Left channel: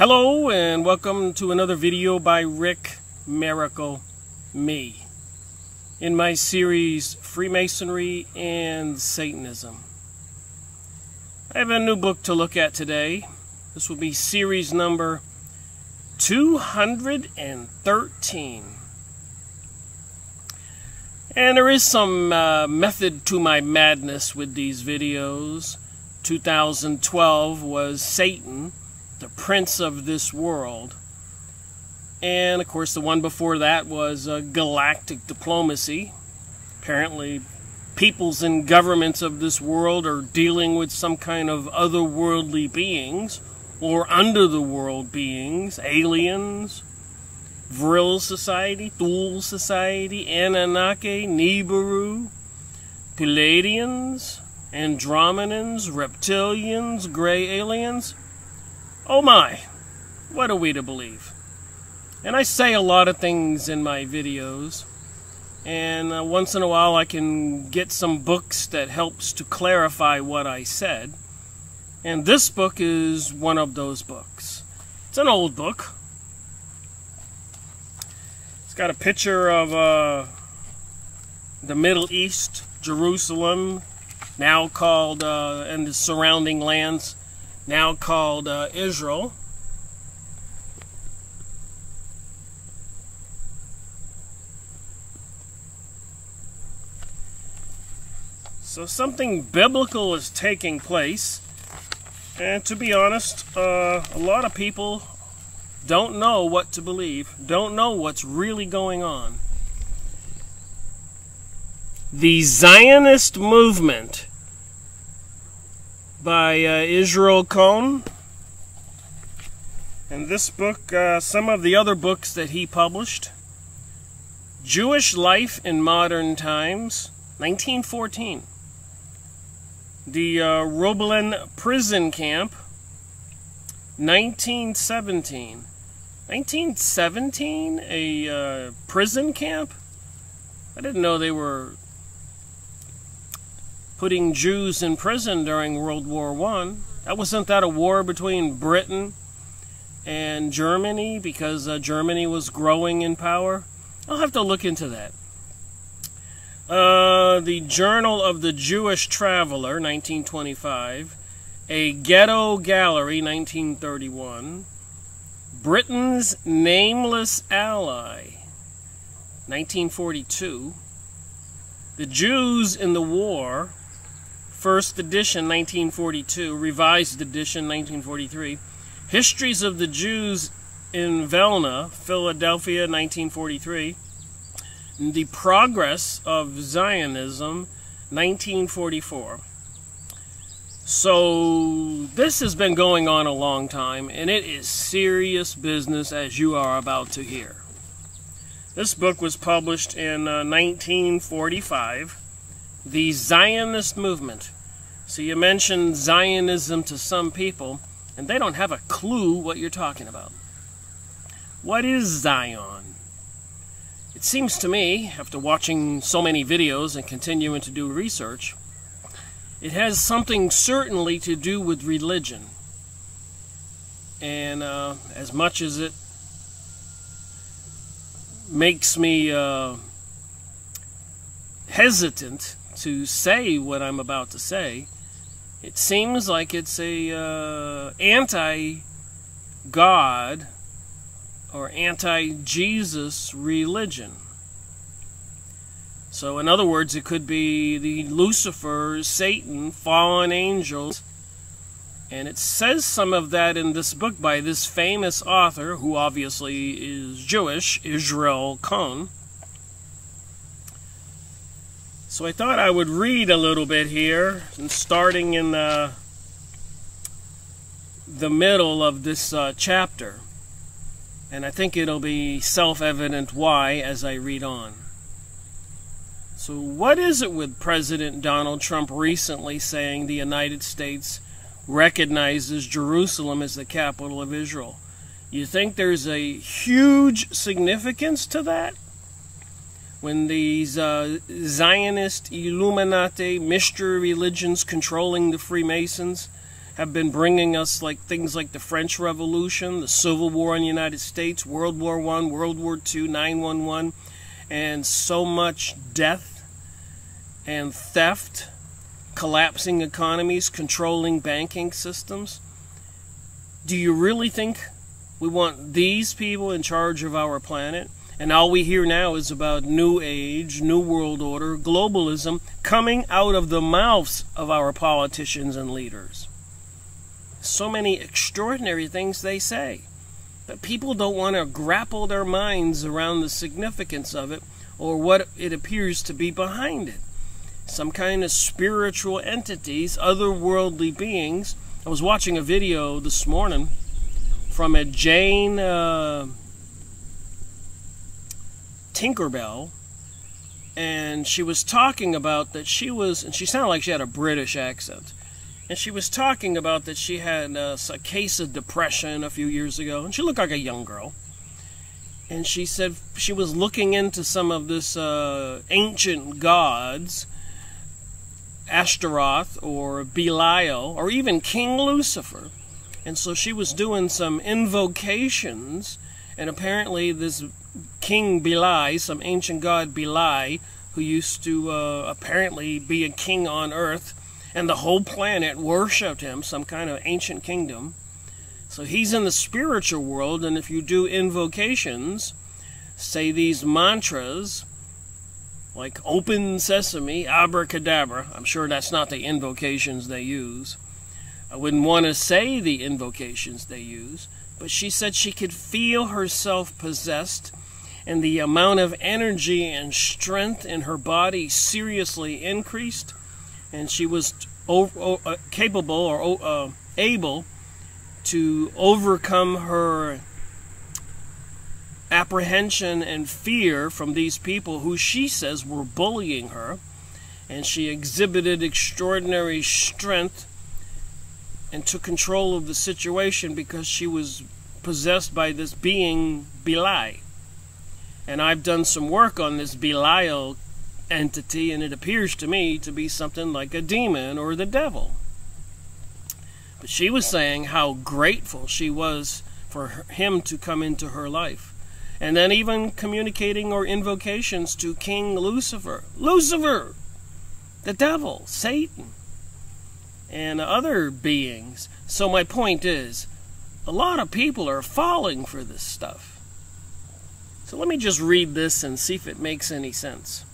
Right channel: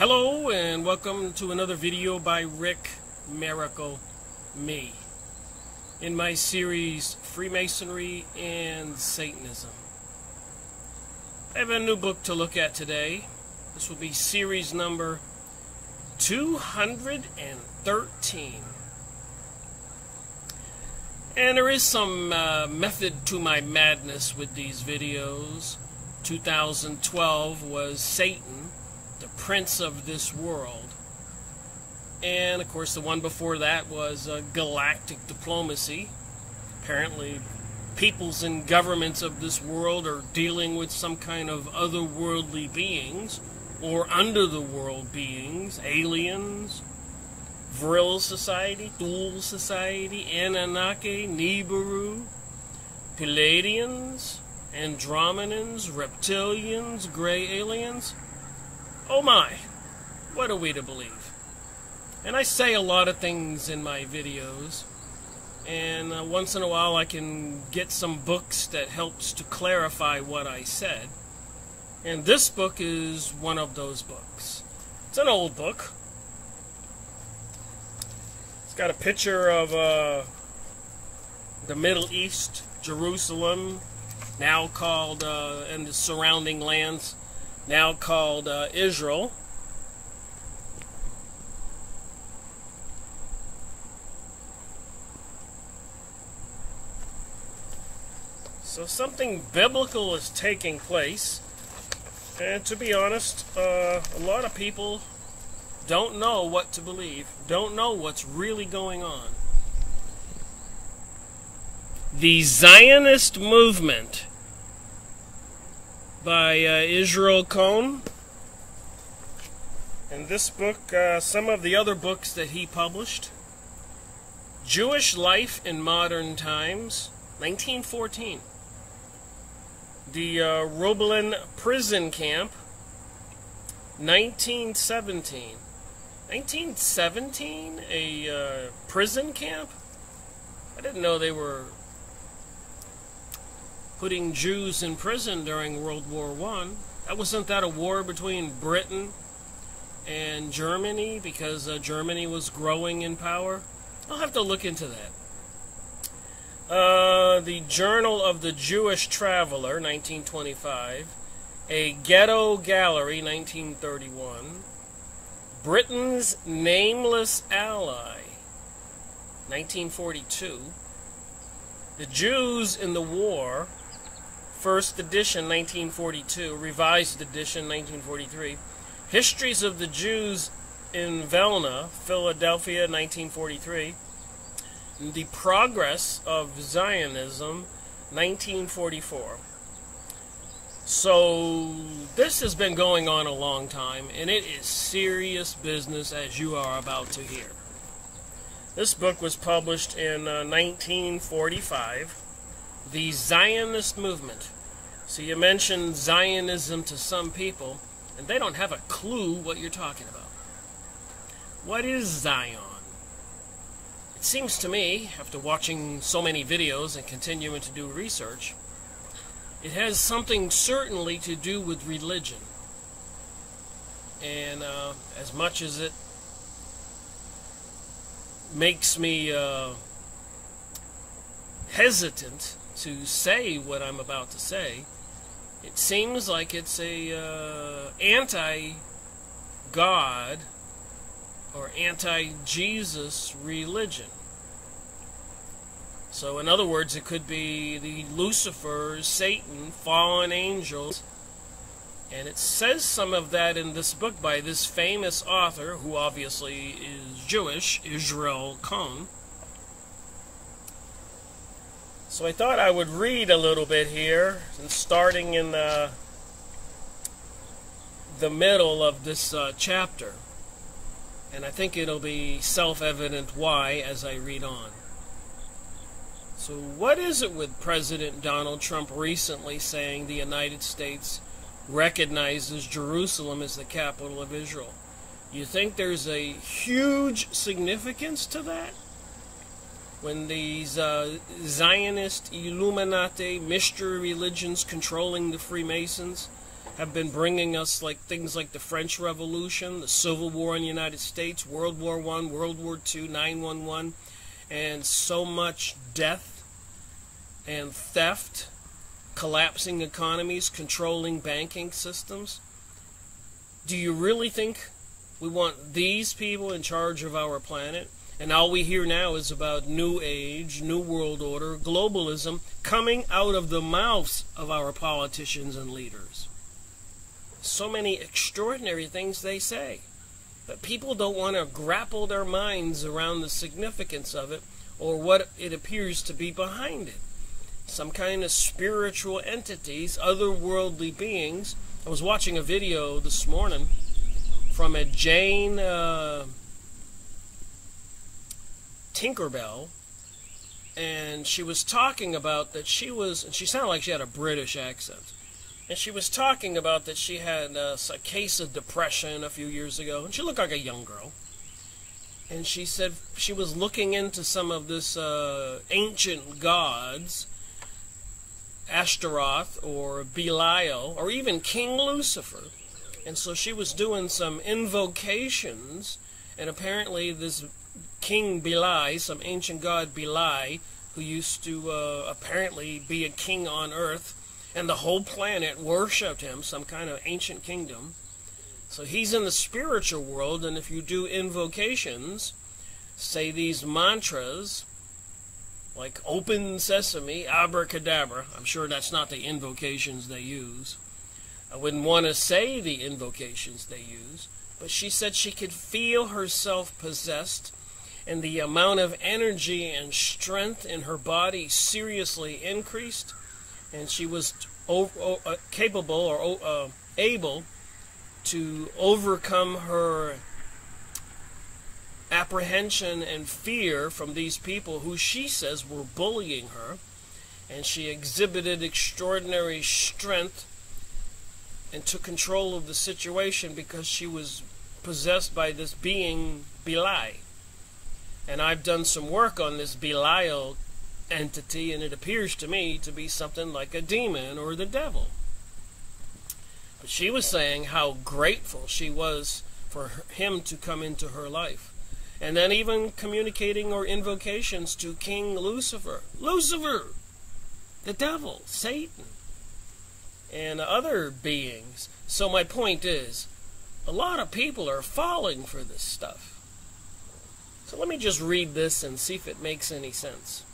Hello and welcome to another video by Rick Miracle Me in my series Freemasonry and Satanism. I have a new book to look at today. This will be series number 213. And there is some method to my madness with these videos. 2012 was Satan, the prince of this world. And of course the one before that was galactic diplomacy. Apparently peoples and governments of this world are dealing with some kind of otherworldly beings or under the world beings, aliens, Vril Society, Thule Society, Anunnaki, Nibiru, Palladians, Andromedans, reptilians, gray aliens. Oh my, what are we to believe? And I say a lot of things in my videos, and once in a while I can get some books that helps to clarify what I said. And this book is one of those books. It's an old book. It's got a picture of the Middle East, Jerusalem, now called, and the surrounding lands, now called Israel. So something biblical is taking place, and to be honest, a lot of people don't know what to believe, don't know what's really going on. The Zionist Movement by Israel Cohen, and this book, some of the other books that he published. Jewish Life in Modern Times, 1914. The Roblin Prison Camp, 1917. 1917? A prison camp? I didn't know they were putting Jews in prison during World War I. Wasn't that a war between Britain and Germany because Germany was growing in power? I'll have to look into that. The Journal of the Jewish Traveler, 1925. A Ghetto Gallery, 1931. Britain's Nameless Ally, 1942. The Jews in the War, first edition, 1942, revised edition, 1943. Histories of the Jews in Vilna, Philadelphia, 1943. The Progress of Zionism, 1944. So this has been going on a long time, and it is serious business, as you are about to hear. This book was published in 1945. The Zionist Movement. So you mentioned Zionism to some people, and they don't have a clue what you're talking about. What is Zion? It seems to me, after watching so many videos and continuing to do research, it has something certainly to do with religion. And as much as it makes me hesitant to say what I'm about to say, it seems like it's a anti-God or anti-Jesus religion. So in other words, it could be the Lucifer, Satan, fallen angels. And it says some of that in this book by this famous author, who obviously is Jewish, Israel Cohen. So I thought I would read a little bit here, and starting in the middle of this chapter. And I think it'll be self-evident why as I read on. So what is it with President Donald Trump recently saying the United States recognizes Jerusalem as the capital of Israel? You think there's a huge significance to that? When these Zionist Illuminati mystery religions controlling the Freemasons have been bringing us like things like the French Revolution, the Civil War in the United States, World War I, World War II, 9/11, and so much death and theft, collapsing economies, controlling banking systems. Do you really think we want these people in charge of our planet? And all we hear now is about New Age, New World Order, globalism coming out of the mouths of our politicians and leaders. So many extraordinary things they say, but people don't want to grapple their minds around the significance of it or what it appears to be behind it. Some kind of spiritual entities, otherworldly beings. I was watching a video this morning from a Jane Tinkerbell, and she was talking about that she was, and she sounded like she had a British accent, and she was talking about that she had a case of depression a few years ago, and she looked like a young girl, and she said she was looking into some of this ancient gods, Ashtaroth or Belial, or even King Lucifer, and so she was doing some invocations, and apparently this King Beli, some ancient god Beli, who used to apparently be a king on earth, and the whole planet worshipped him, some kind of ancient kingdom. So he's in the spiritual world, and if you do invocations, say these mantras, like open sesame, abracadabra. I'm sure that's not the invocations they use. I wouldn't want to say the invocations they use, but she said she could feel herself possessed, and the amount of energy and strength in her body seriously increased, and she was capable or able to overcome her apprehension and fear from these people who she says were bullying her, and she exhibited extraordinary strength and took control of the situation because she was possessed by this being Beli. And I've done some work on this Belial entity, and it appears to me to be something like a demon or the devil. But she was saying how grateful she was for him to come into her life. And then even communicating or invocations to King Lucifer. Lucifer! The devil, Satan, and other beings. So my point is, a lot of people are falling for this stuff. So let me just read this and see if it makes any sense.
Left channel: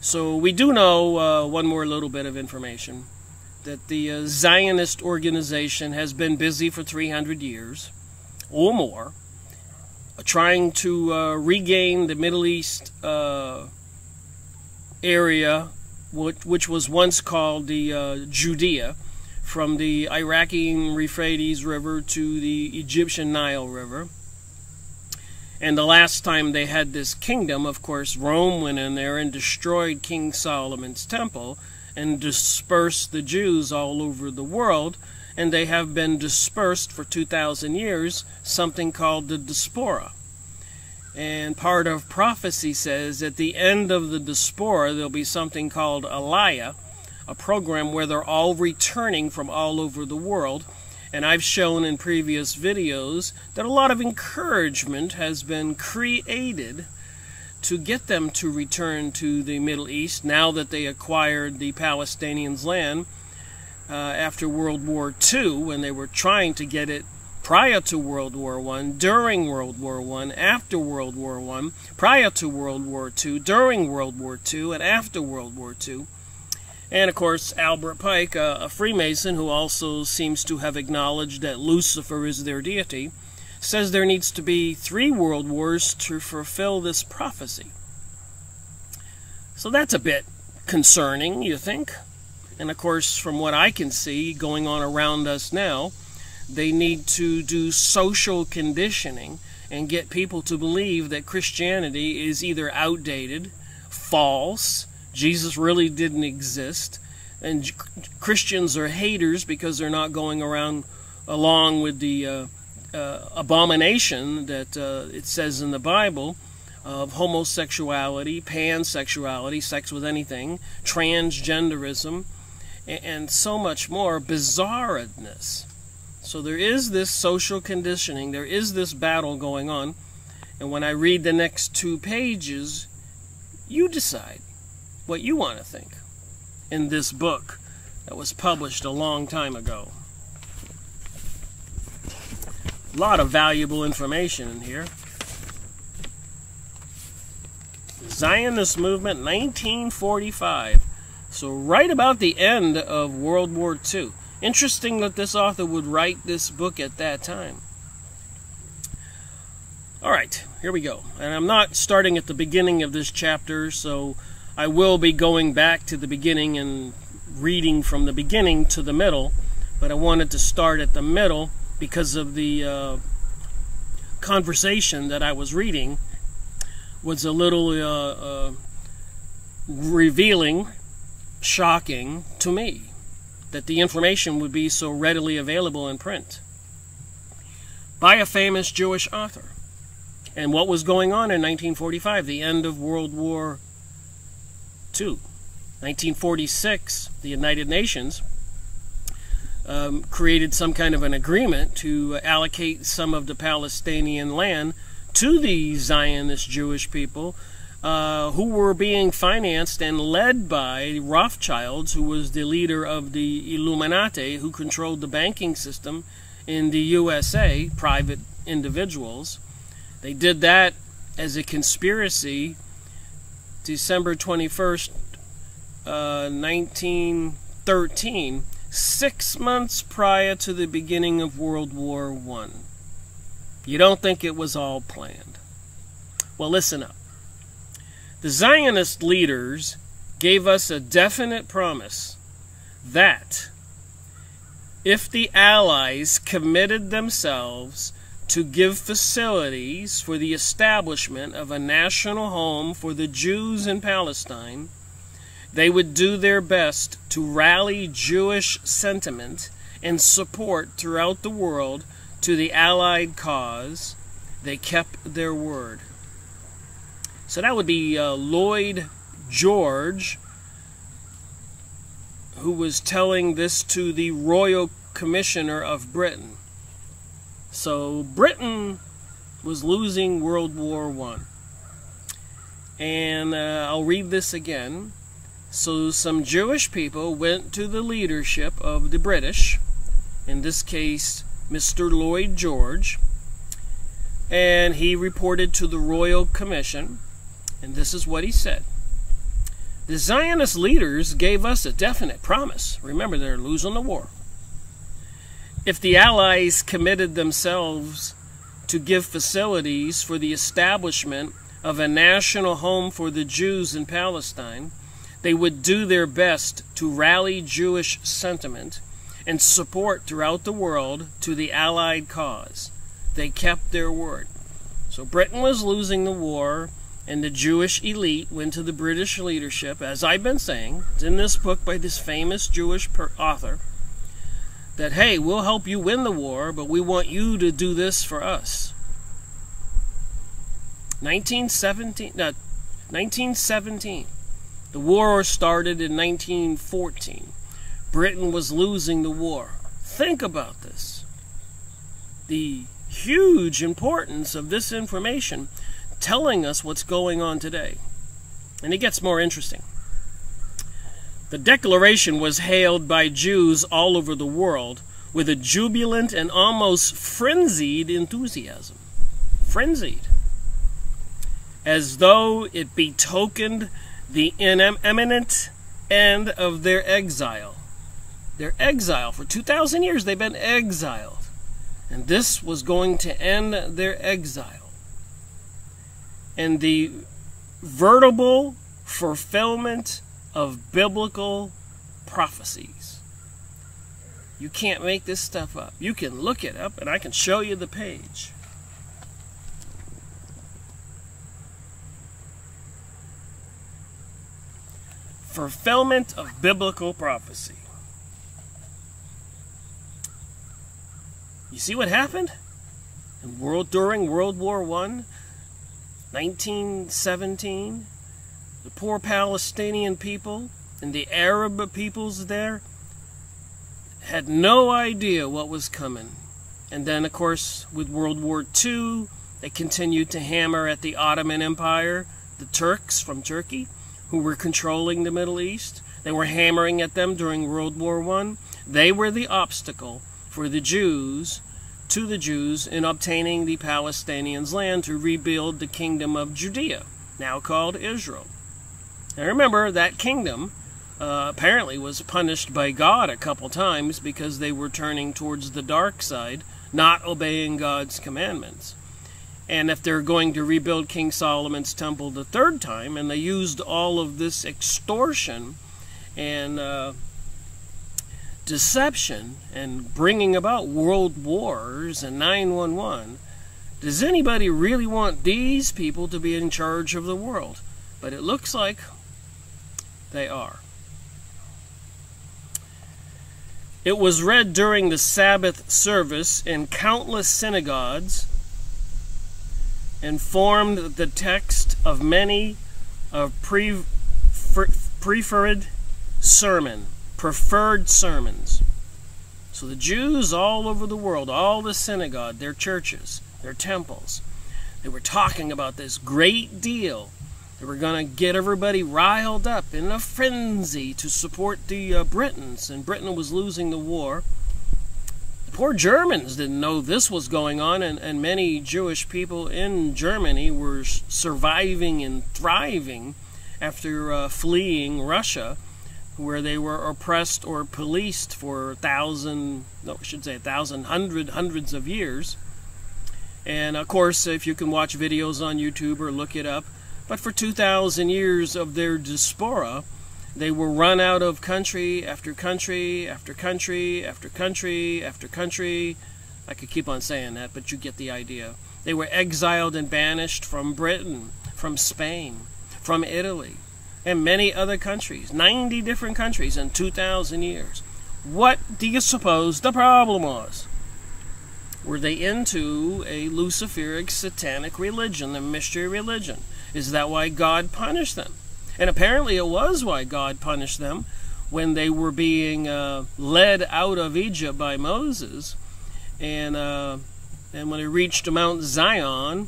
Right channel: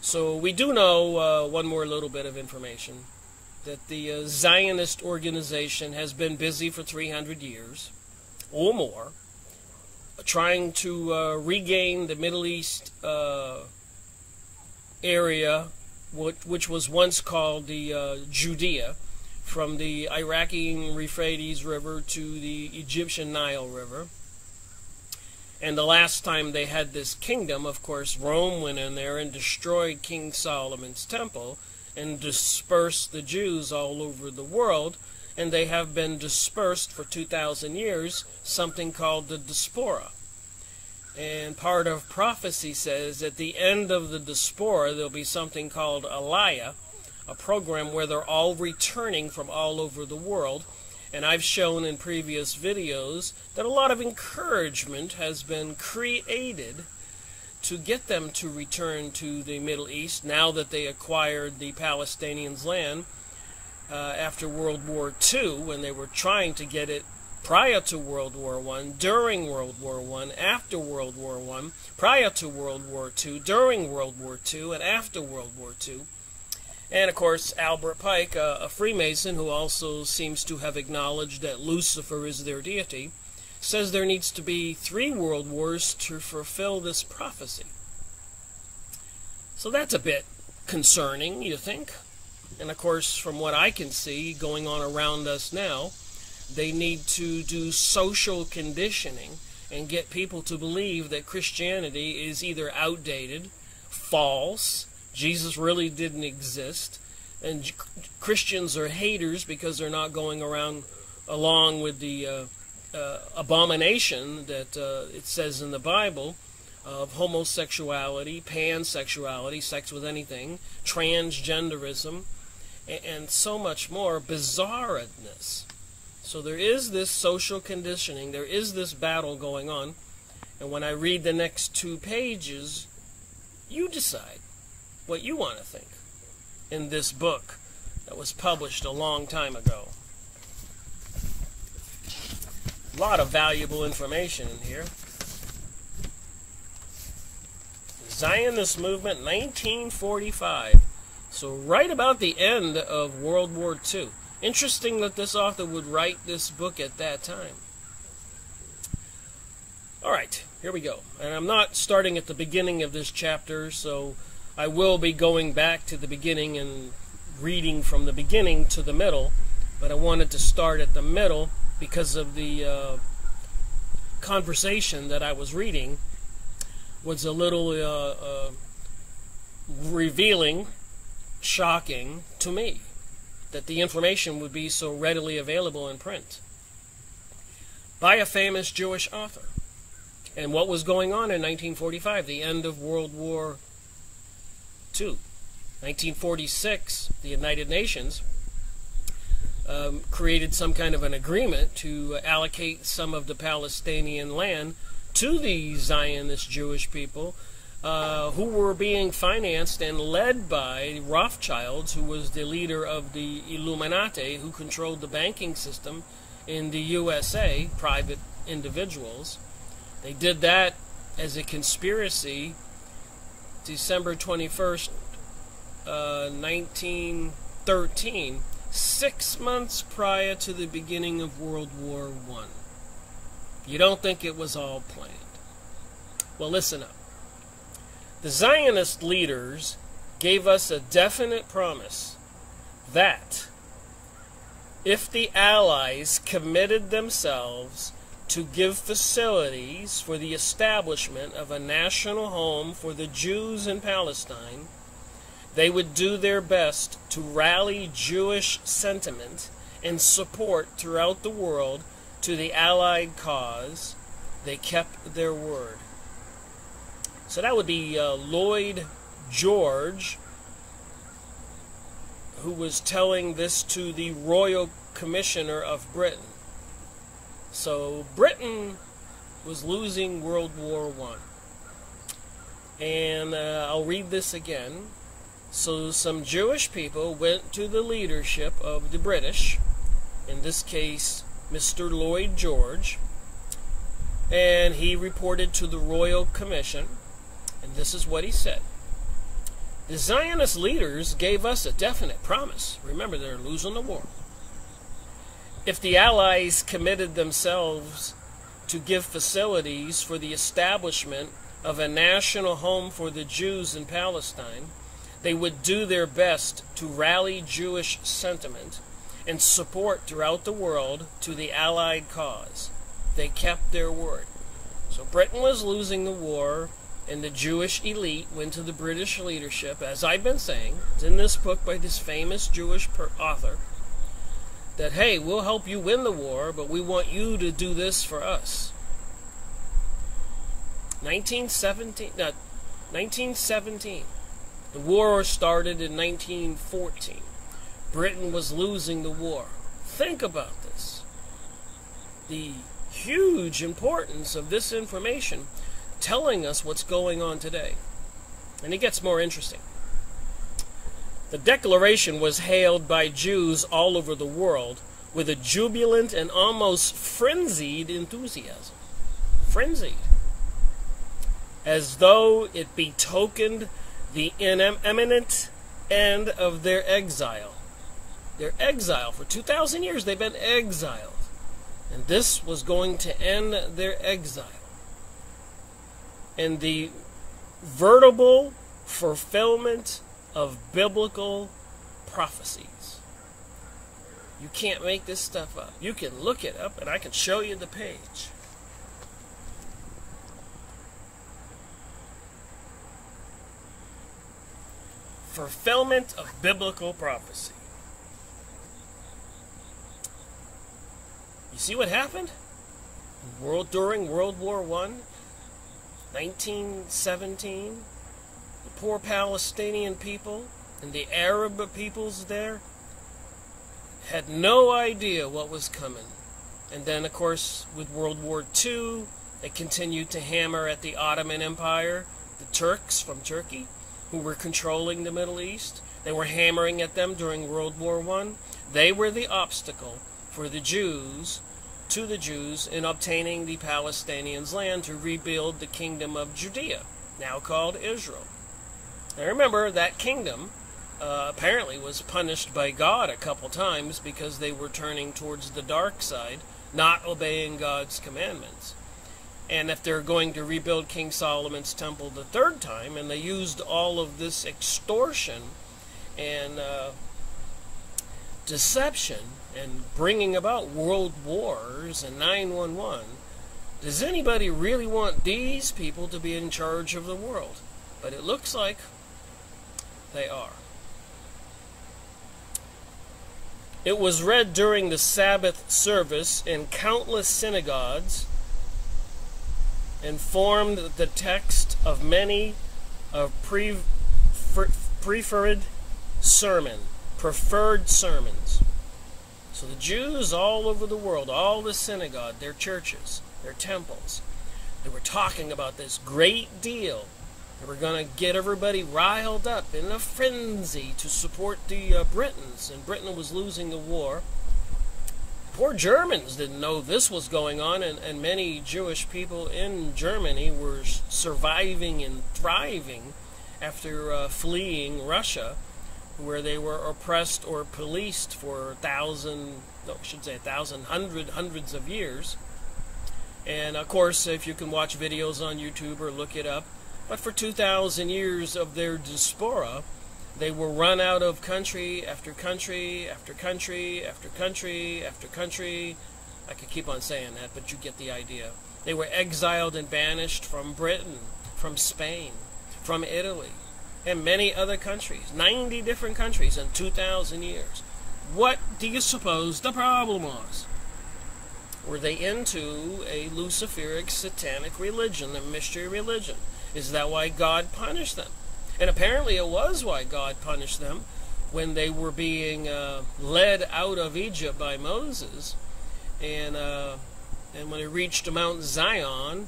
So we do know one more little bit of information, that the Zionist organization has been busy for 300 years or more, trying to regain the Middle East area, which was once called the Judea, from the Iraqi Euphrates River to the Egyptian Nile River. And the last time they had this kingdom, of course, Rome went in there and destroyed King Solomon's temple and dispersed the Jews all over the world, and they have been dispersed for 2,000 years, something called the diaspora. And part of prophecy says at the end of the diaspora there'll be something called Aliyah, a program where they're all returning from all over the world. And I've shown in previous videos that a lot of encouragement has been created to get them to return to the Middle East now that they acquired the Palestinians' land after World War II, when they were trying to get it prior to World War I, during World War I, after World War I, prior to World War II, during World War II, and after World War II. And, of course, Albert Pike, a Freemason who also seems to have acknowledged that Lucifer is their deity, says there needs to be 3 world wars to fulfill this prophecy. So that's a bit concerning, you think? And, of course, from what I can see going on around us now, they need to do social conditioning and get people to believe that Christianity is either outdated, false, Jesus really didn't exist, and Christians are haters because they're not going around along with the abomination that it says in the Bible of homosexuality, pansexuality, sex with anything, transgenderism, and so much more bizarreness. So there is this social conditioning, there is this battle going on, and when I read the next 2 pages, you decide what you want to think in this book that was published a long time ago. A lot of valuable information in here. Zionist Movement, 1945. So right about the end of World War II. Interesting that this author would write this book at that time. Alright, here we go. And I'm not starting at the beginning of this chapter, so I will be going back to the beginning and reading from the beginning to the middle. But I wanted to start at the middle because of the conversation that I was reading was a little revealing, shocking to me, that the information would be so readily available in print by a famous Jewish author. And what was going on in 1945, the end of World War II. 1946, the United Nations created some kind of an agreement to allocate some of the Palestinian land to the Zionist Jewish people who were being financed and led by Rothschilds, who was the leader of the Illuminati, who controlled the banking system in the USA, private individuals. They did that as a conspiracy December 21st, 1913, 6 months prior to the beginning of World War I. You don't think it was all planned? Well, listen up. The Zionist leaders gave us a definite promise that if the Allies committed themselves to give facilities for the establishment of a national home for the Jews in Palestine, they would do their best to rally Jewish sentiment and support throughout the world to the Allied cause. They kept their word. So that would be Lloyd George, who was telling this to the Royal Commissioner of Britain. So Britain was losing World War I. And I'll read this again. So some Jewish people went to the leadership of the British, in this case Mr. Lloyd George, and he reported to the Royal Commission, and this is what he said. The Zionist leaders gave us a definite promise. Remember, they're losing the war. If the Allies committed themselves to give facilities for the establishment of a national home for the Jews in Palestine, they would do their best to rally Jewish sentiment and support throughout the world to the Allied cause. They kept their word. So Britain was losing the war, and the Jewish elite went to the British leadership, as I've been saying, it's in this book by this famous Jewish author, that, hey, we'll help you win the war, but we want you to do this for us. 1917. The war started in 1914. Britain was losing the war. Think about this. The huge importance of this information telling us what's going on today. And it gets more interesting. The declaration was hailed by Jews all over the world with a jubilant and almost frenzied enthusiasm. Frenzied. As though it betokened the imminent end of their exile. Their exile. For 2,000 years they've been exiled. And this was going to end their exile. And the veritable fulfillment of biblical prophecies. You can't make this stuff up. You can look it up and I can show you the page. Fulfillment of biblical prophecy. You see what happened during World War I, 1917? The poor Palestinian people and the Arab peoples there, had no idea what was coming. And then, of course, with World War II, they continued to hammer at the Ottoman Empire, the Turks from Turkey, who were controlling the Middle East. They were hammering at them during World War I. They were the obstacle for the Jews, in obtaining the Palestinians' land to rebuild the kingdom of Judea, now called Israel. Now remember, that kingdom apparently was punished by God a couple times because they were turning towards the dark side, not obeying God's commandments. And if they're going to rebuild King Solomon's temple the third time, and they used all of this extortion and deception and bringing about world wars and 9/11, does anybody really want these people to be in charge of the world? But it looks like they are. It was read during the Sabbath service in countless synagogues and formed the text of many of preferred sermons. So the Jews all over the world, all the synagogue, their churches, their temples, they were talking about this great deal. They were going to get everybody riled up in a frenzy to support the Britons, and Britain was losing the war. The poor Germans didn't know this was going on, and many Jewish people in Germany were surviving and thriving after fleeing Russia, where they were oppressed or policed for hundreds of years. And of course, if you can watch videos on YouTube or look it up, but for 2,000 years of their diaspora, they were run out of country after country after country after country after country. I could keep on saying that, but you get the idea. They were exiled and banished from Britain, from Spain, from Italy, and many other countries. 90 different countries in 2,000 years. What do you suppose the problem was? Were they into a Luciferic satanic religion, a mystery religion? Is that why God punished them? And apparently it was why God punished them when they were being led out of Egypt by Moses. And when they reached Mount Zion,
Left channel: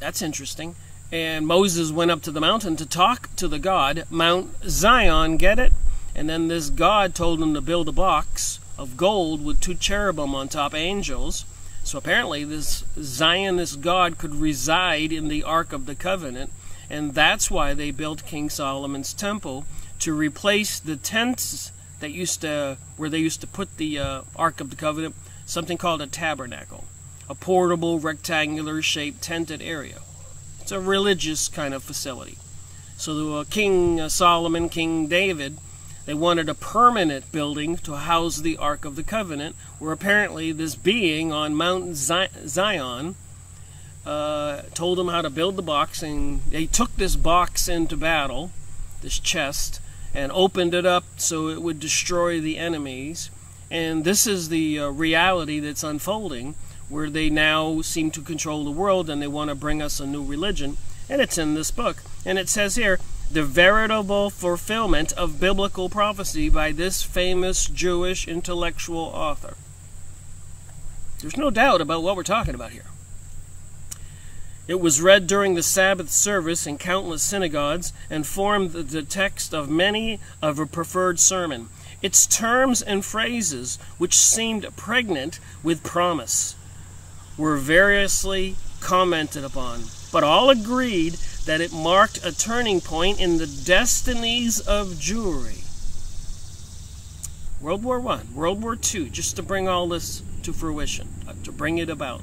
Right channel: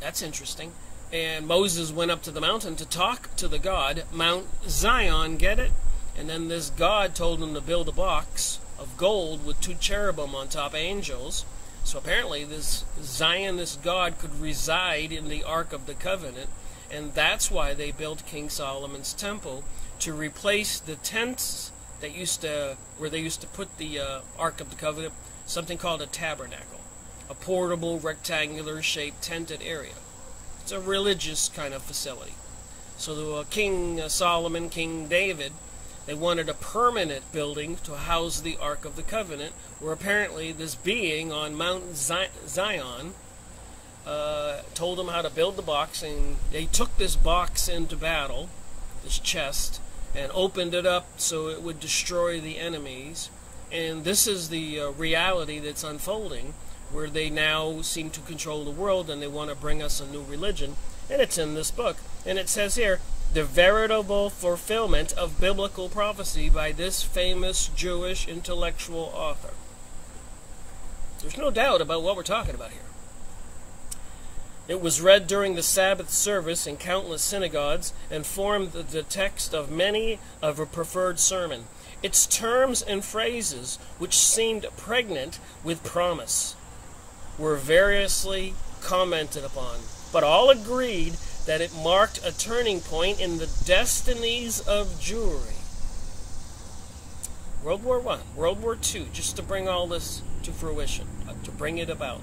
that's interesting. And Moses went up to the mountain to talk to the God, Mount Zion, get it? And then this God told him to build a box of gold with 2 cherubim on top, angels. So apparently this Zionist God could reside in the Ark of the Covenant, and that's why they built King Solomon's temple, to replace the tents that where they used to put the Ark of the Covenant, something called a tabernacle, a portable rectangular shaped tented area. It's a religious kind of facility. So King Solomon, King David, they wanted a permanent building to house the Ark of the Covenant, where apparently this being on Mount Zion told them how to build the box, and they took this box into battle, this chest, and opened it up so it would destroy the enemies. And this is the reality that's unfolding, where they now seem to control the world, and they want to bring us a new religion. And it's in this book. And it says here, the veritable fulfillment of biblical prophecy by this famous Jewish intellectual author. There's no doubt about what we're talking about here. It was read during the Sabbath service in countless synagogues and formed the text of many of a preferred sermon. Its terms and phrases, which seemed pregnant with promise, were variously commented upon, but all agreed that it marked a turning point in the destinies of Jewry. World War I, World War II, just to bring all this to fruition, to bring it about.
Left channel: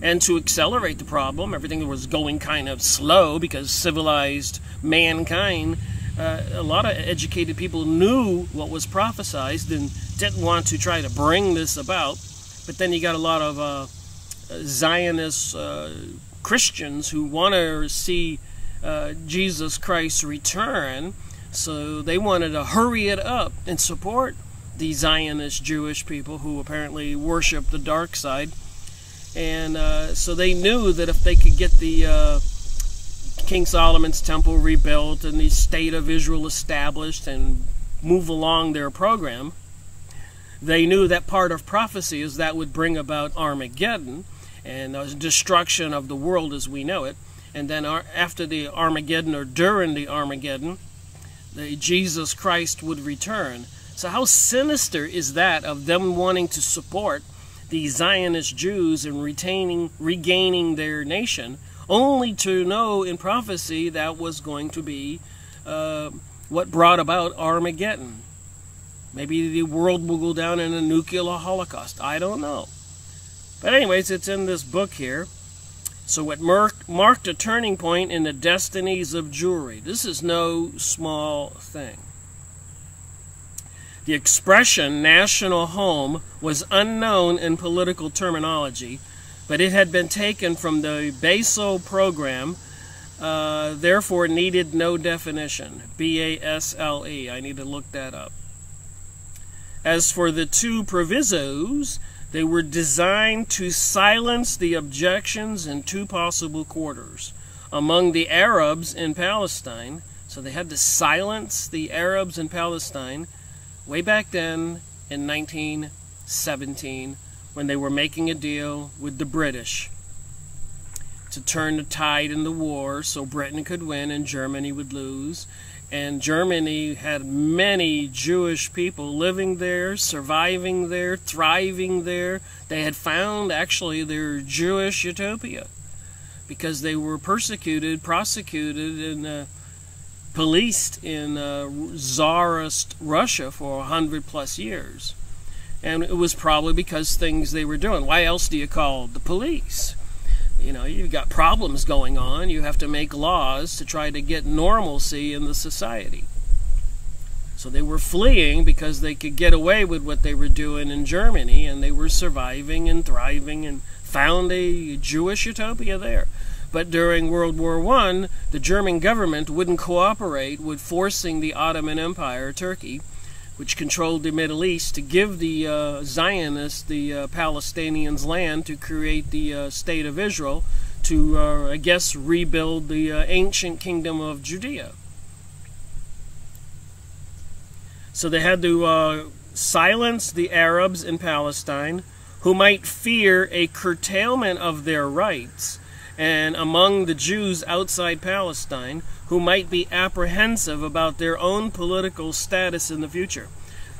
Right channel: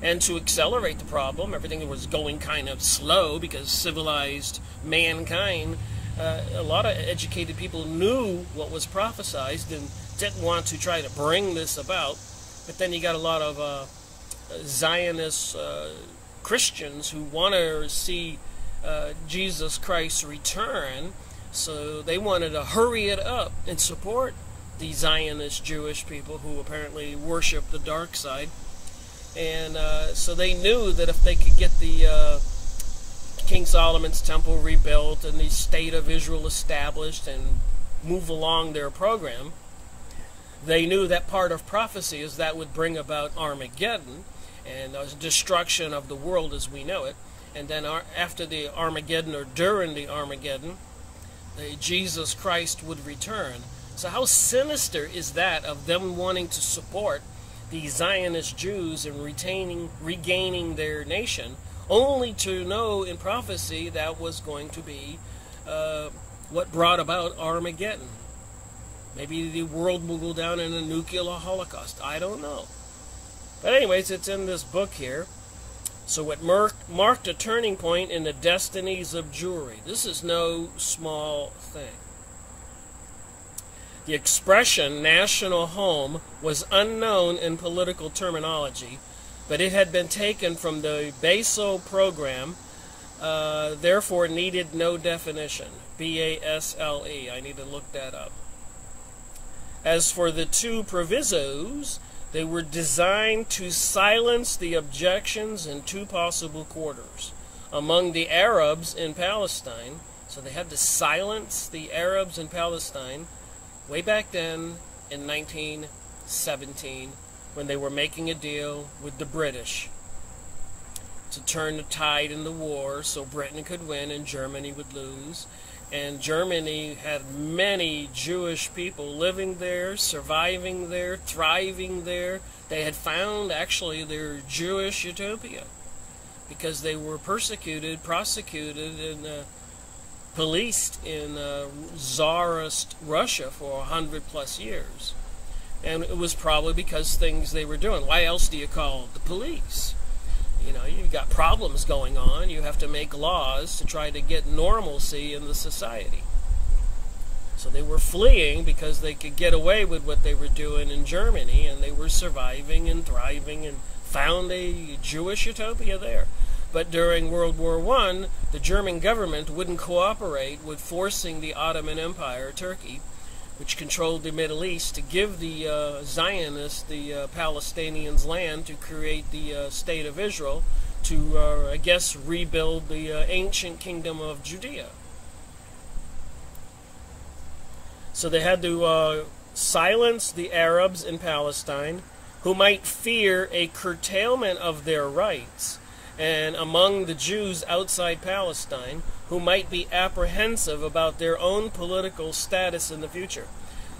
And to accelerate the problem, everything was going kind of slow because civilized mankind, a lot of educated people knew what was prophesied and didn't want to try to bring this about. But then you got a lot of Zionist Christians who want to see Jesus Christ return, so they wanted to hurry it up and support the Zionist Jewish people who apparently worship the dark side. And so they knew that if they could get the King Solomon's temple rebuilt and the state of Israel established and move along their program. They knew that part of prophecy is that would bring about Armageddon and the destruction of the world as we know it. And then after the Armageddon, or during the Armageddon, Jesus Christ would return. So how sinister is that of them wanting to support the Zionist Jews and regaining their nation, only to know in prophecy that was going to be what brought about Armageddon. Maybe the world will go down in a nuclear holocaust. I don't know. But anyways, it's in this book here. So it marked a turning point in the destinies of Jewry. This is no small thing. The expression national home was unknown in political terminology, but it had been taken from the BASO program, therefore needed no definition. B-A-S-L-E. I need to look that up. As for the two provisos, they were designed to silence the objections in two possible quarters. Among the Arabs in Palestine, so they had to silence the Arabs in Palestine way back then in 1917 when they were making a deal with the British to turn the tide in the war so Britain could win and Germany would lose. And Germany had many Jewish people living there, surviving there, thriving there. They had found actually their Jewish utopia because they were persecuted, prosecuted, and policed in Tsarist Russia for 100+ years. And it was probably because things they were doing. Why else do you call the police? You know, you've got problems going on. You have to make laws to try to get normalcy in the society. So they were fleeing because they could get away with what they were doing in Germany, and they were surviving and thriving and found a Jewish utopia there. But during World War I, the German government wouldn't cooperate with forcing the Ottoman Empire, Turkey, which controlled the Middle East, to give the Zionists, the Palestinians, land to create the State of Israel, to, I guess, rebuild the ancient kingdom of Judea. So they had to silence the Arabs in Palestine, who might fear a curtailment of their rights, and among the Jews outside Palestine, who might be apprehensive about their own political status in the future.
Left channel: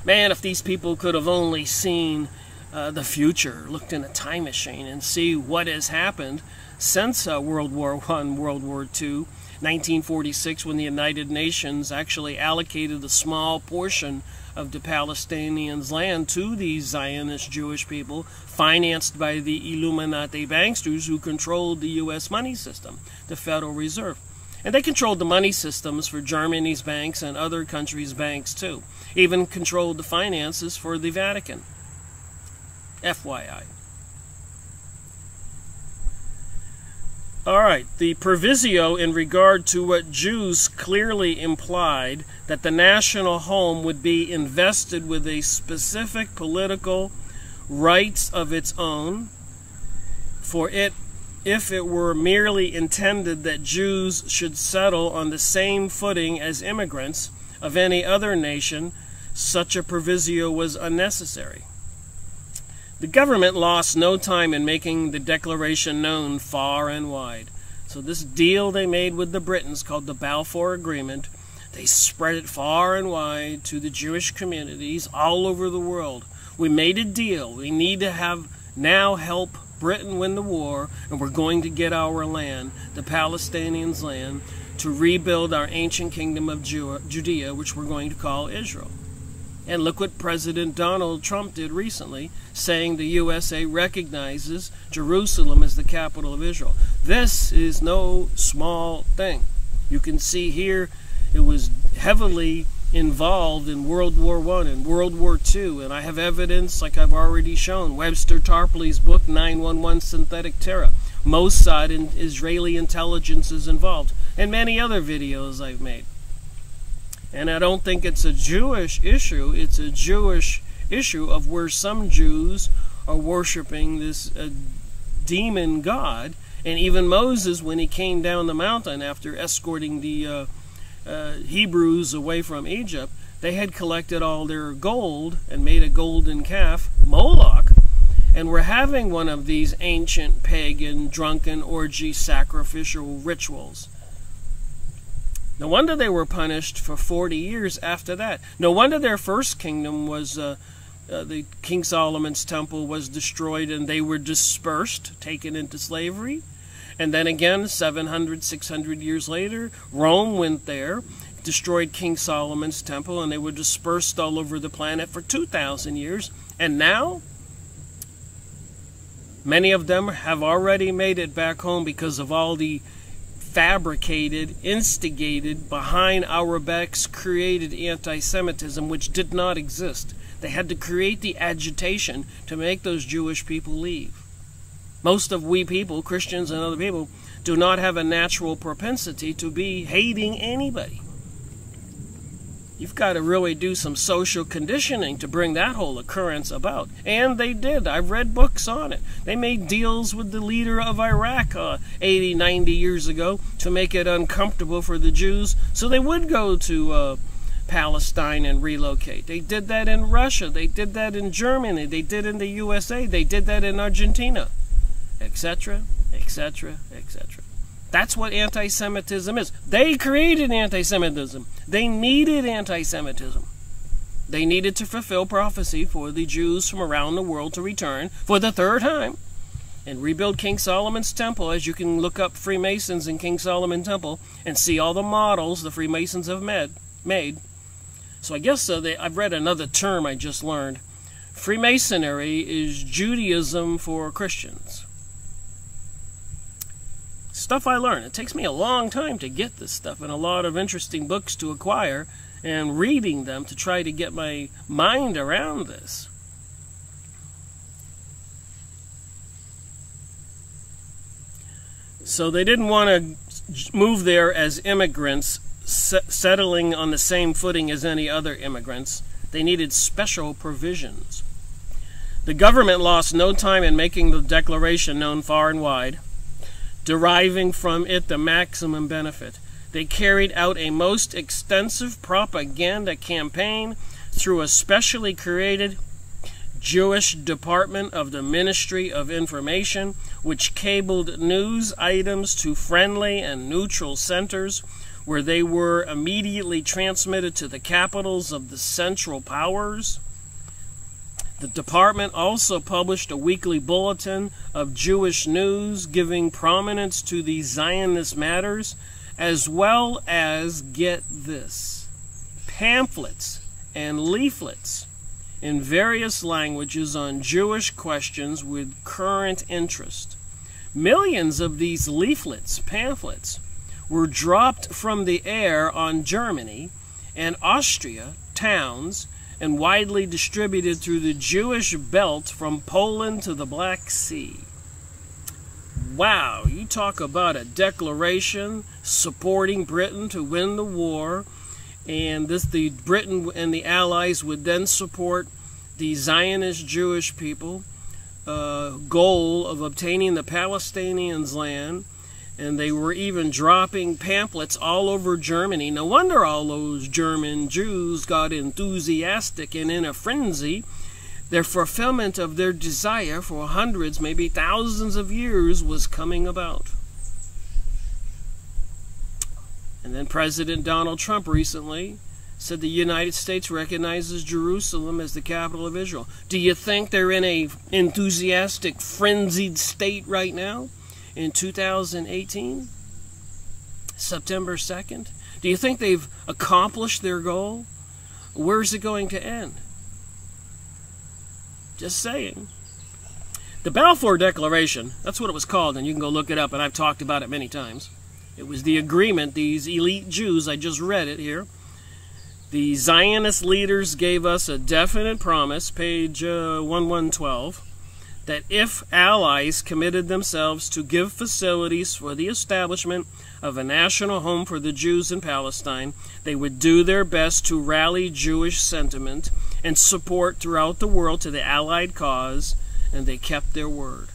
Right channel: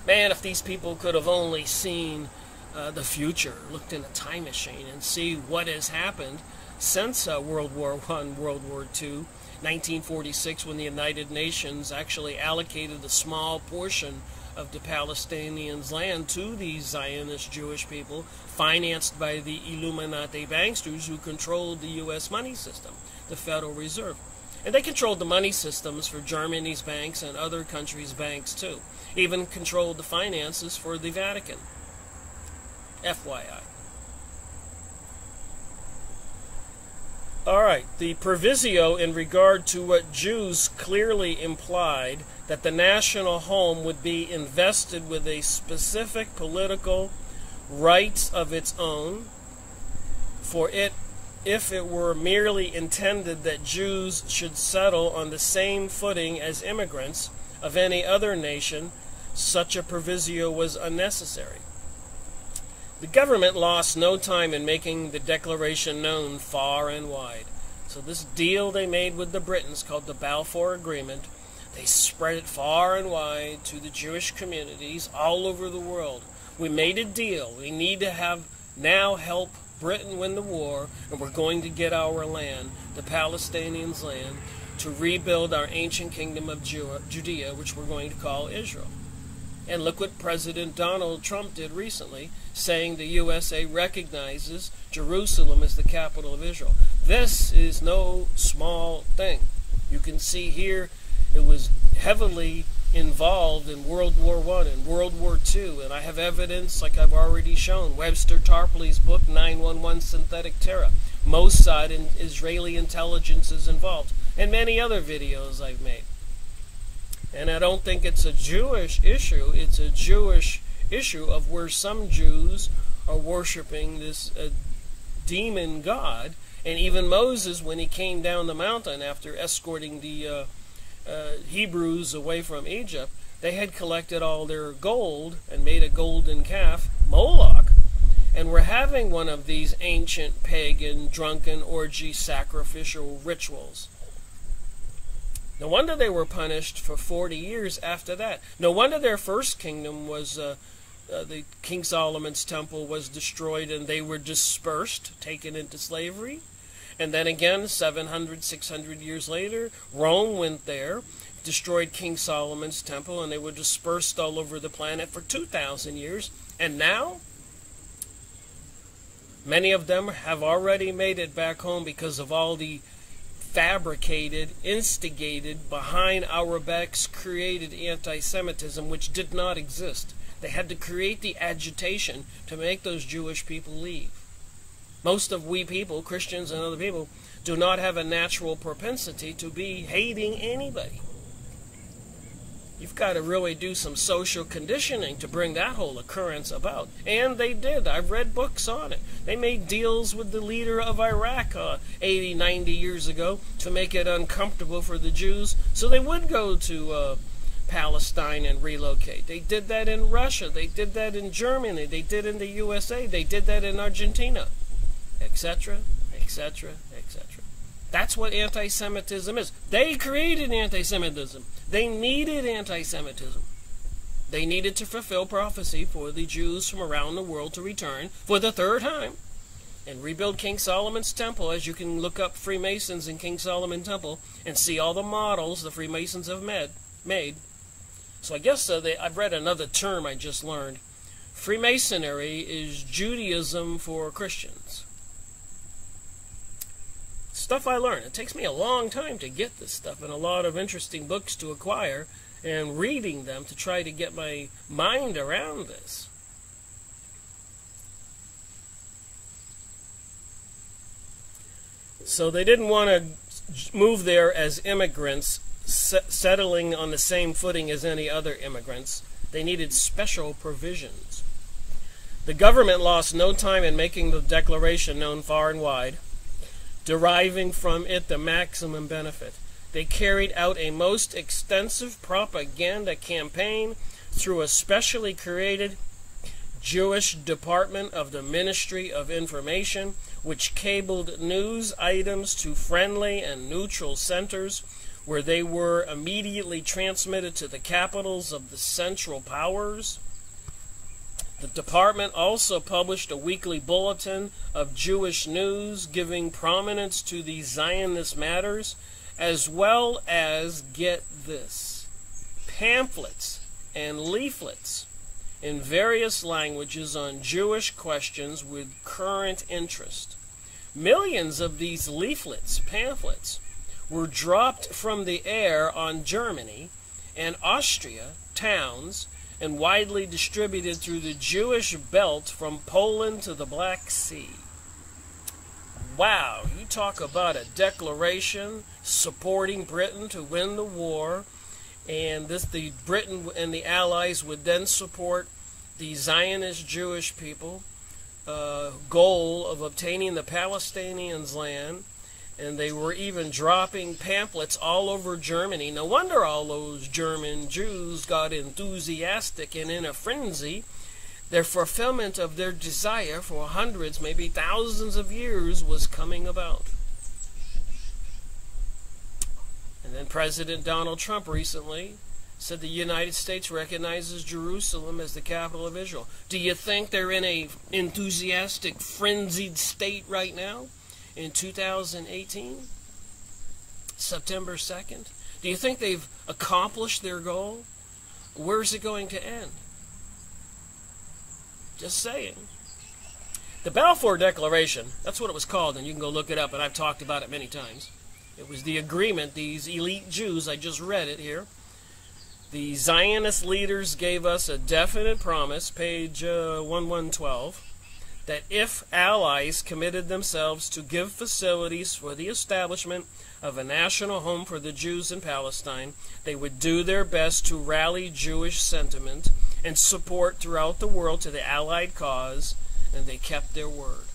Man, if these people could have only seen the future, looked in a time machine and see what has happened since World War I, World War II, 1946, when the United Nations actually allocated a small portion of the Palestinians' land to these Zionist Jewish people, financed by the Illuminati banksters who controlled the U.S. money system, the Federal Reserve. And they controlled the money systems for Germany's banks and other countries' banks too. Even controlled the finances for the Vatican. FYI. Alright, the proviso in regard to what Jews clearly implied, that the national home would be invested with a specific political rights of its own, for it, if it were merely intended that Jews should settle on the same footing as immigrants of any other nation, such a proviso was unnecessary. The government lost no time in making the declaration known far and wide. So this deal they made with the Britons, called the Balfour Agreement, they spread it far and wide to the Jewish communities all over the world. We made a deal. We need to now help Britain win the war, and we're going to get our land, the Palestinians' land, to rebuild our ancient kingdom of Judea, which we're going to call Israel. And look what President Donald Trump did recently, saying the USA recognizes Jerusalem as the capital of Israel. This is no small thing. You can see here it was heavily involved in World War I and World War II, and I have evidence, like I've already shown, Webster Tarpley's book, 911 Synthetic Terror. Mossad and Israeli intelligence is involved, and many other videos I've made. And I don't think it's a Jewish issue. It's a Jewish issue of where some Jews are worshiping this demon god. And even Moses, when he came down the mountain after escorting the Hebrews away from Egypt, They had collected all their gold and made a golden calf, Moloch, and were having one of these ancient pagan drunken orgy sacrificial rituals. No wonder they were punished for 40 years after that. No wonder their first kingdom was, the King Solomon's temple was destroyed and they were dispersed, taken into slavery. And then again, 700, 600 years later, Rome went there, destroyed King Solomon's temple, and they were dispersed all over the planet for 2,000 years. And now, many of them have already made it back home because of all the fabricated, instigated, behind our backs created anti-Semitism, which did not exist. They had to create the agitation to make those Jewish people leave. Most of we people, Christians and other people, do not have a natural propensity to be hating anybody. You've got to really do some social conditioning to bring that whole occurrence about. And they did. I've read books on it. They made deals with the leader of Iraq 80, 90 years ago to make it uncomfortable for the Jews so they would go to Palestine and relocate. They did that in Russia. They did that in Germany. They did in the USA. They did that in Argentina, etc., etc., etc. That's what anti-Semitism is. They created anti-Semitism. They needed anti-Semitism. They needed to fulfill prophecy for the Jews from around the world to return for the third time and rebuild King Solomon's temple. As you can look up Freemasons and King Solomon Temple and see all the models the Freemasons have made. So I guess I've read another term I just learned. Freemasonry is Judaism for Christians. Stuff I learned. It takes me a long time to get this stuff and a lot of interesting books to acquire and reading them to try to get my mind around this. So they didn't want to move there as immigrants, settling on the same footing as any other immigrants. They needed special provisions. The government lost no time in making the declaration known far and wide, deriving from it the maximum benefit. They carried out a most extensive propaganda campaign through a specially created Jewish department of the Ministry of Information, which cabled news items to friendly and neutral centers, where they were immediately transmitted to the capitals of the Central Powers. The department also published a weekly bulletin of Jewish news giving prominence to the Zionist matters, as well as, get this, pamphlets and leaflets in various languages on Jewish questions with current interest. Millions of these leaflets, pamphlets, were dropped from the air on Germany and Austria towns and widely distributed through the Jewish belt from Poland to the Black Sea. Wow, you talk about a declaration supporting Britain to win the war, and the Britain and the Allies would then support the Zionist Jewish people, goal of obtaining the Palestinians' land. And they were even dropping pamphlets all over Germany. No wonder all those German Jews got enthusiastic and in a frenzy. Their fulfillment of their desire for hundreds, maybe thousands of years was coming about. And then President Donald Trump recently said the United States recognizes Jerusalem as the capital of Israel. Do you think they're in a enthusiastic, frenzied state right now? In 2018, September 2nd? Do you think they've accomplished their goal? Where's it going to end? Just saying. The Balfour Declaration, that's what it was called, and you can go look it up, and I've talked about it many times. It was the agreement, these elite Jews, I just read it here. The Zionist leaders gave us a definite promise, page 1112, that if allies committed themselves to give facilities for the establishment of a national home for the Jews in Palestine, they would do their best to rally Jewish sentiment and support throughout the world to the Allied cause, and they kept their word.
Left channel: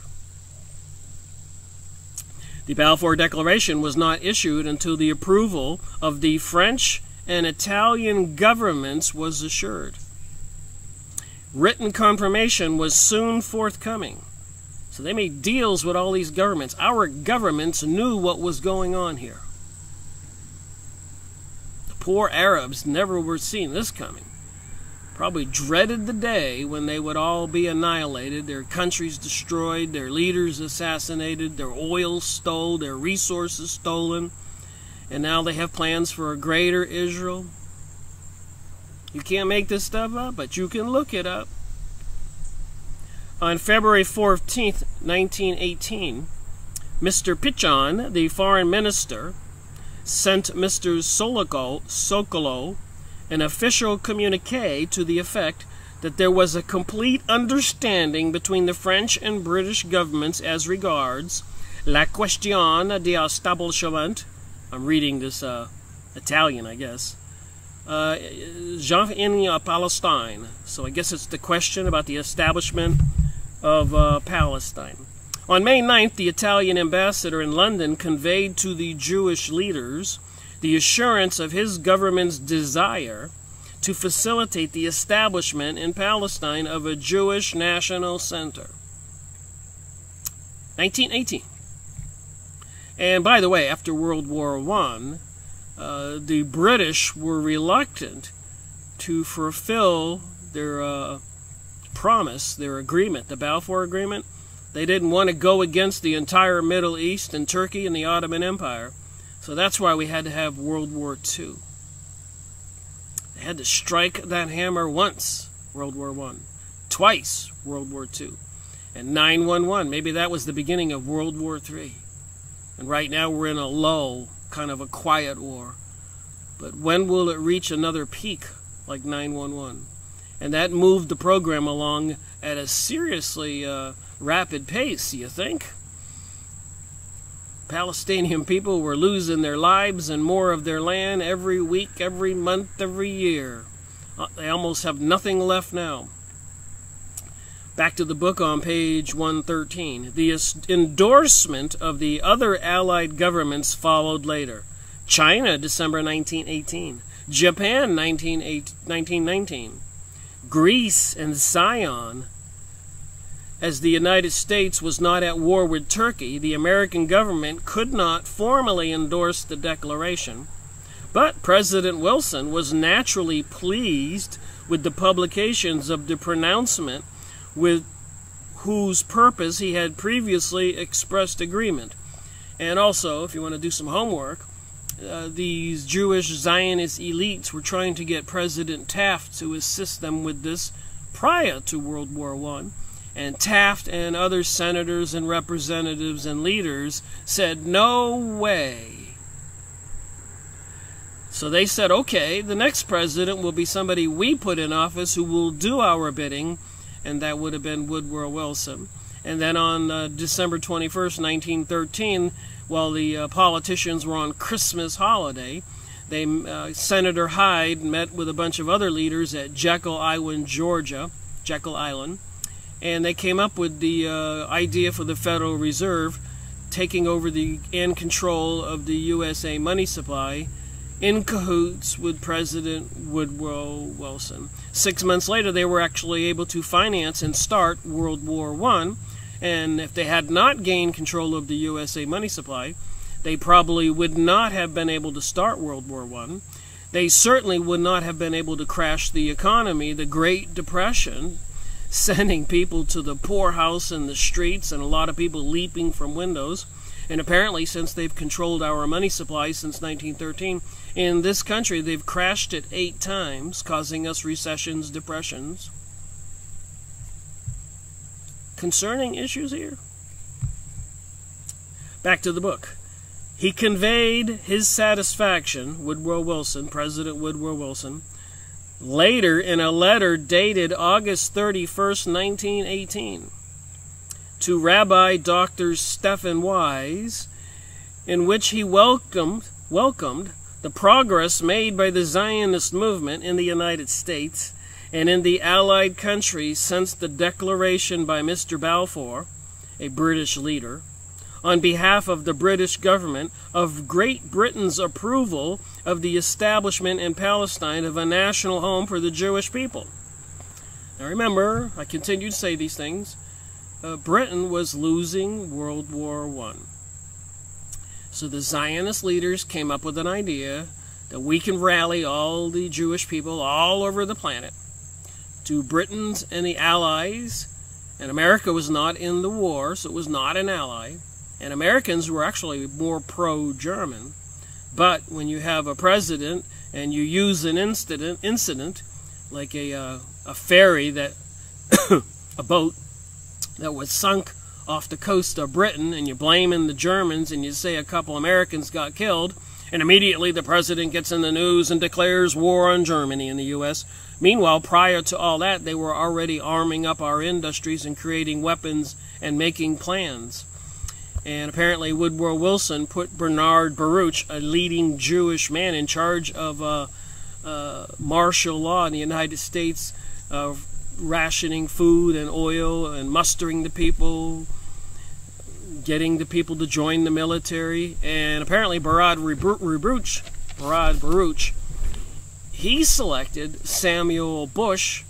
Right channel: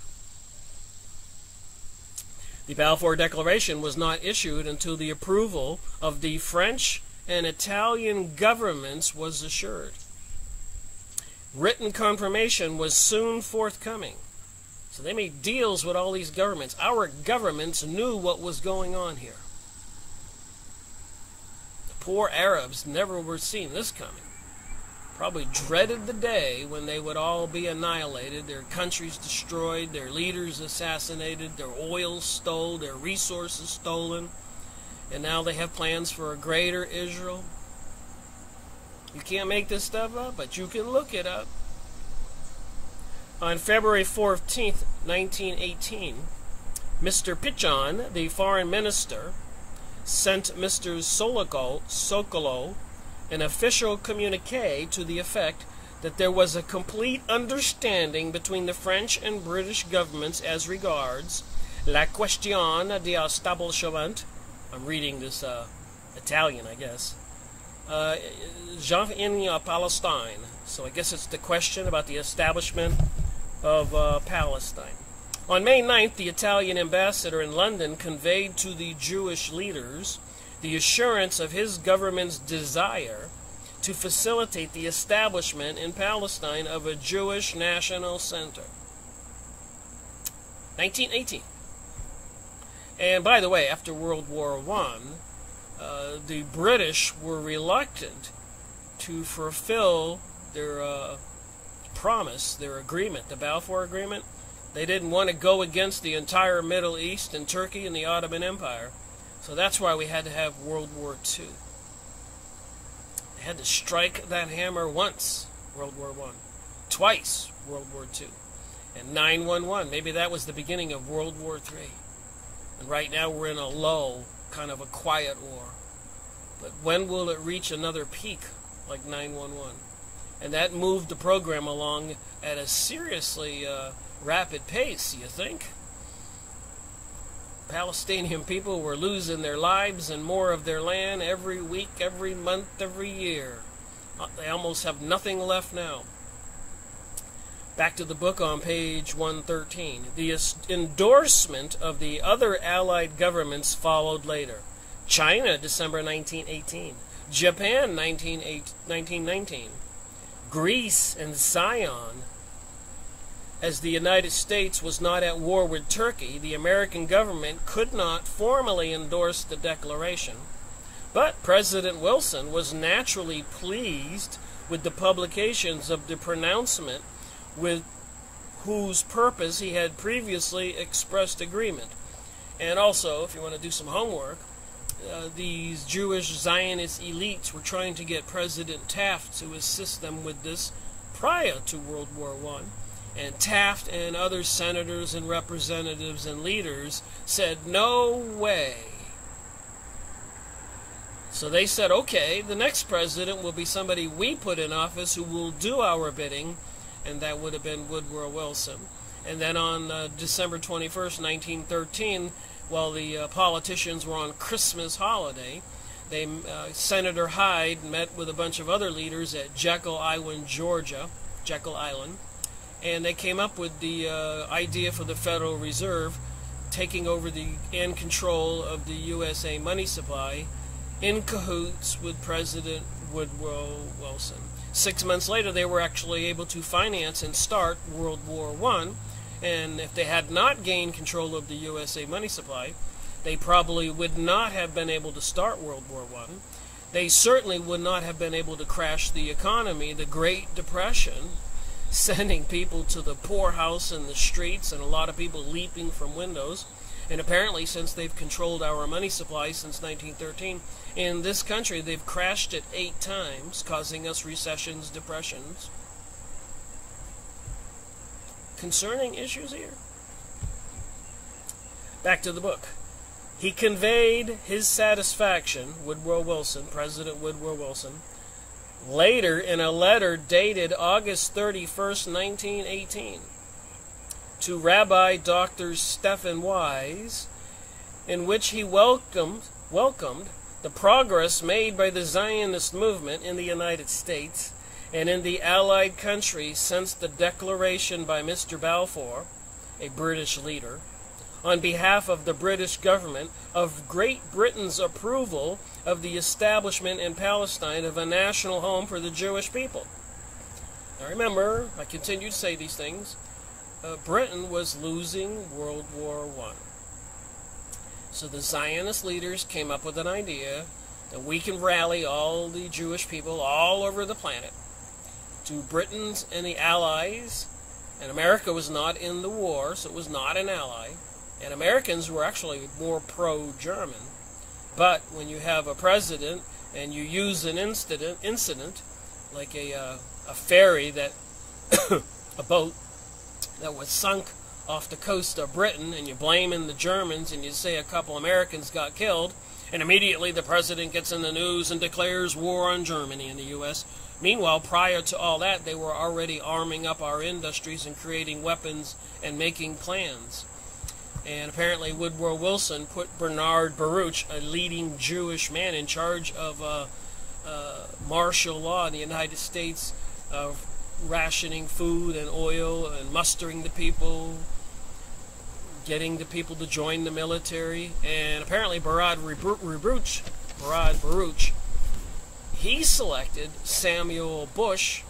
The Balfour Declaration was not issued until the approval of the French and Italian governments was assured. Written confirmation was soon forthcoming. So they made deals with all these governments. Our governments knew what was going on here. The poor Arabs never were seen this coming. Probably dreaded the day when they would all be annihilated, their countries destroyed, their leaders assassinated, their oil stole, their resources stolen, and now they have plans for a greater Israel. You can't make this stuff up, but you can look it up. On February 14th, 1918, Mr. Pichon, the foreign minister, sent Mr. Sokolow an official communique to the effect that there was a complete understanding between the French and British governments as regards la question d'établissement. I'm reading this Italian, I guess. In Palestine. So I guess it's the question about the establishment of Palestine. On May 9th, the Italian ambassador in London conveyed to the Jewish leaders the assurance of his government's desire to facilitate the establishment in Palestine of a Jewish national center. 1918. And by the way, after World War I, the British were reluctant to fulfill their promise, their agreement, the Balfour Agreement. They didn't want to go against the entire Middle East and Turkey and the Ottoman Empire. So that's why we had to have World War II. They had to strike that hammer once, World War I. Twice, World War II. And 9/11, maybe that was the beginning of World War III. And right now we're in a lull, kind of a quiet war. But when will it reach another peak like 9/11? And that moved the program along at a seriously rapid pace, you think? Palestinian people were losing their lives and more of their land every week, every month, every year. They almost have nothing left now. Back to the book on page 113. The endorsement of the other Allied governments followed later. China, December 1918. Japan, 1919. Greece and Zion. As the United States was not at war with Turkey, the American government could not formally endorse the declaration. But President Wilson was naturally pleased with the publications of the pronouncement with whose purpose he had previously expressed agreement. And also, if you want to do some homework, these Jewish Zionist elites were trying to get President Taft to assist them with this prior to World War I. And Taft and other senators and representatives and leaders said, no way. So they said, okay, the next president will be somebody we put in office who will do our bidding, and that would have been Woodrow Wilson. And then on December 21st, 1913, while the politicians were on Christmas holiday, Senator Hyde met with a bunch of other leaders at Jekyll Island, Georgia, Jekyll Island, and they came up with the idea for the Federal Reserve taking over and control of the USA money supply in cahoots with President Woodrow Wilson. 6 months later, they were actually able to finance and start World War I, and if they had not gained control of the USA money supply, they probably would not have been able to start World War I. They certainly would not have been able to crash the economy, the Great Depression, sending people to the poorhouse and the streets and a lot of people leaping from windows. And apparently, since they've controlled our money supply since 1913, in this country they've crashed it 8 times, causing us recessions, depressions. Concerning issues here. Back to the book. He conveyed his satisfaction, Woodrow Wilson, President Woodrow Wilson, later in a letter dated August 31st, 1918, to Rabbi Dr. Stephen Wise, in which he welcomed the progress made by the Zionist movement in the United States and in the Allied countries since the declaration by Mr. Balfour, a British leader, on behalf of the British government of Great Britain's approval of the establishment in Palestine of a national home for the Jewish people. Now remember, I continue to say these things, Britain was losing World War I. So the Zionist leaders came up with an idea that we can rally all the Jewish people all over the planet to Britain's and the Allies, and America was not in the war, so it was not an ally, and Americans were actually more pro-German. But when you have a president and you use an incident like a ferry that, a boat that was sunk off the coast of Britain, and you blame in the Germans and you say a couple Americans got killed, and immediately the president gets in the news and declares war on Germany in the U.S. Meanwhile, prior to all that, they were already arming up our industries and creating weapons and making plans. And apparently Woodrow Wilson put Bernard Baruch, a leading Jewish man in charge of martial law in the United States, rationing food and oil and mustering the people, getting the people to join the military. And apparently Bernard Baruch, he selected Samuel Bush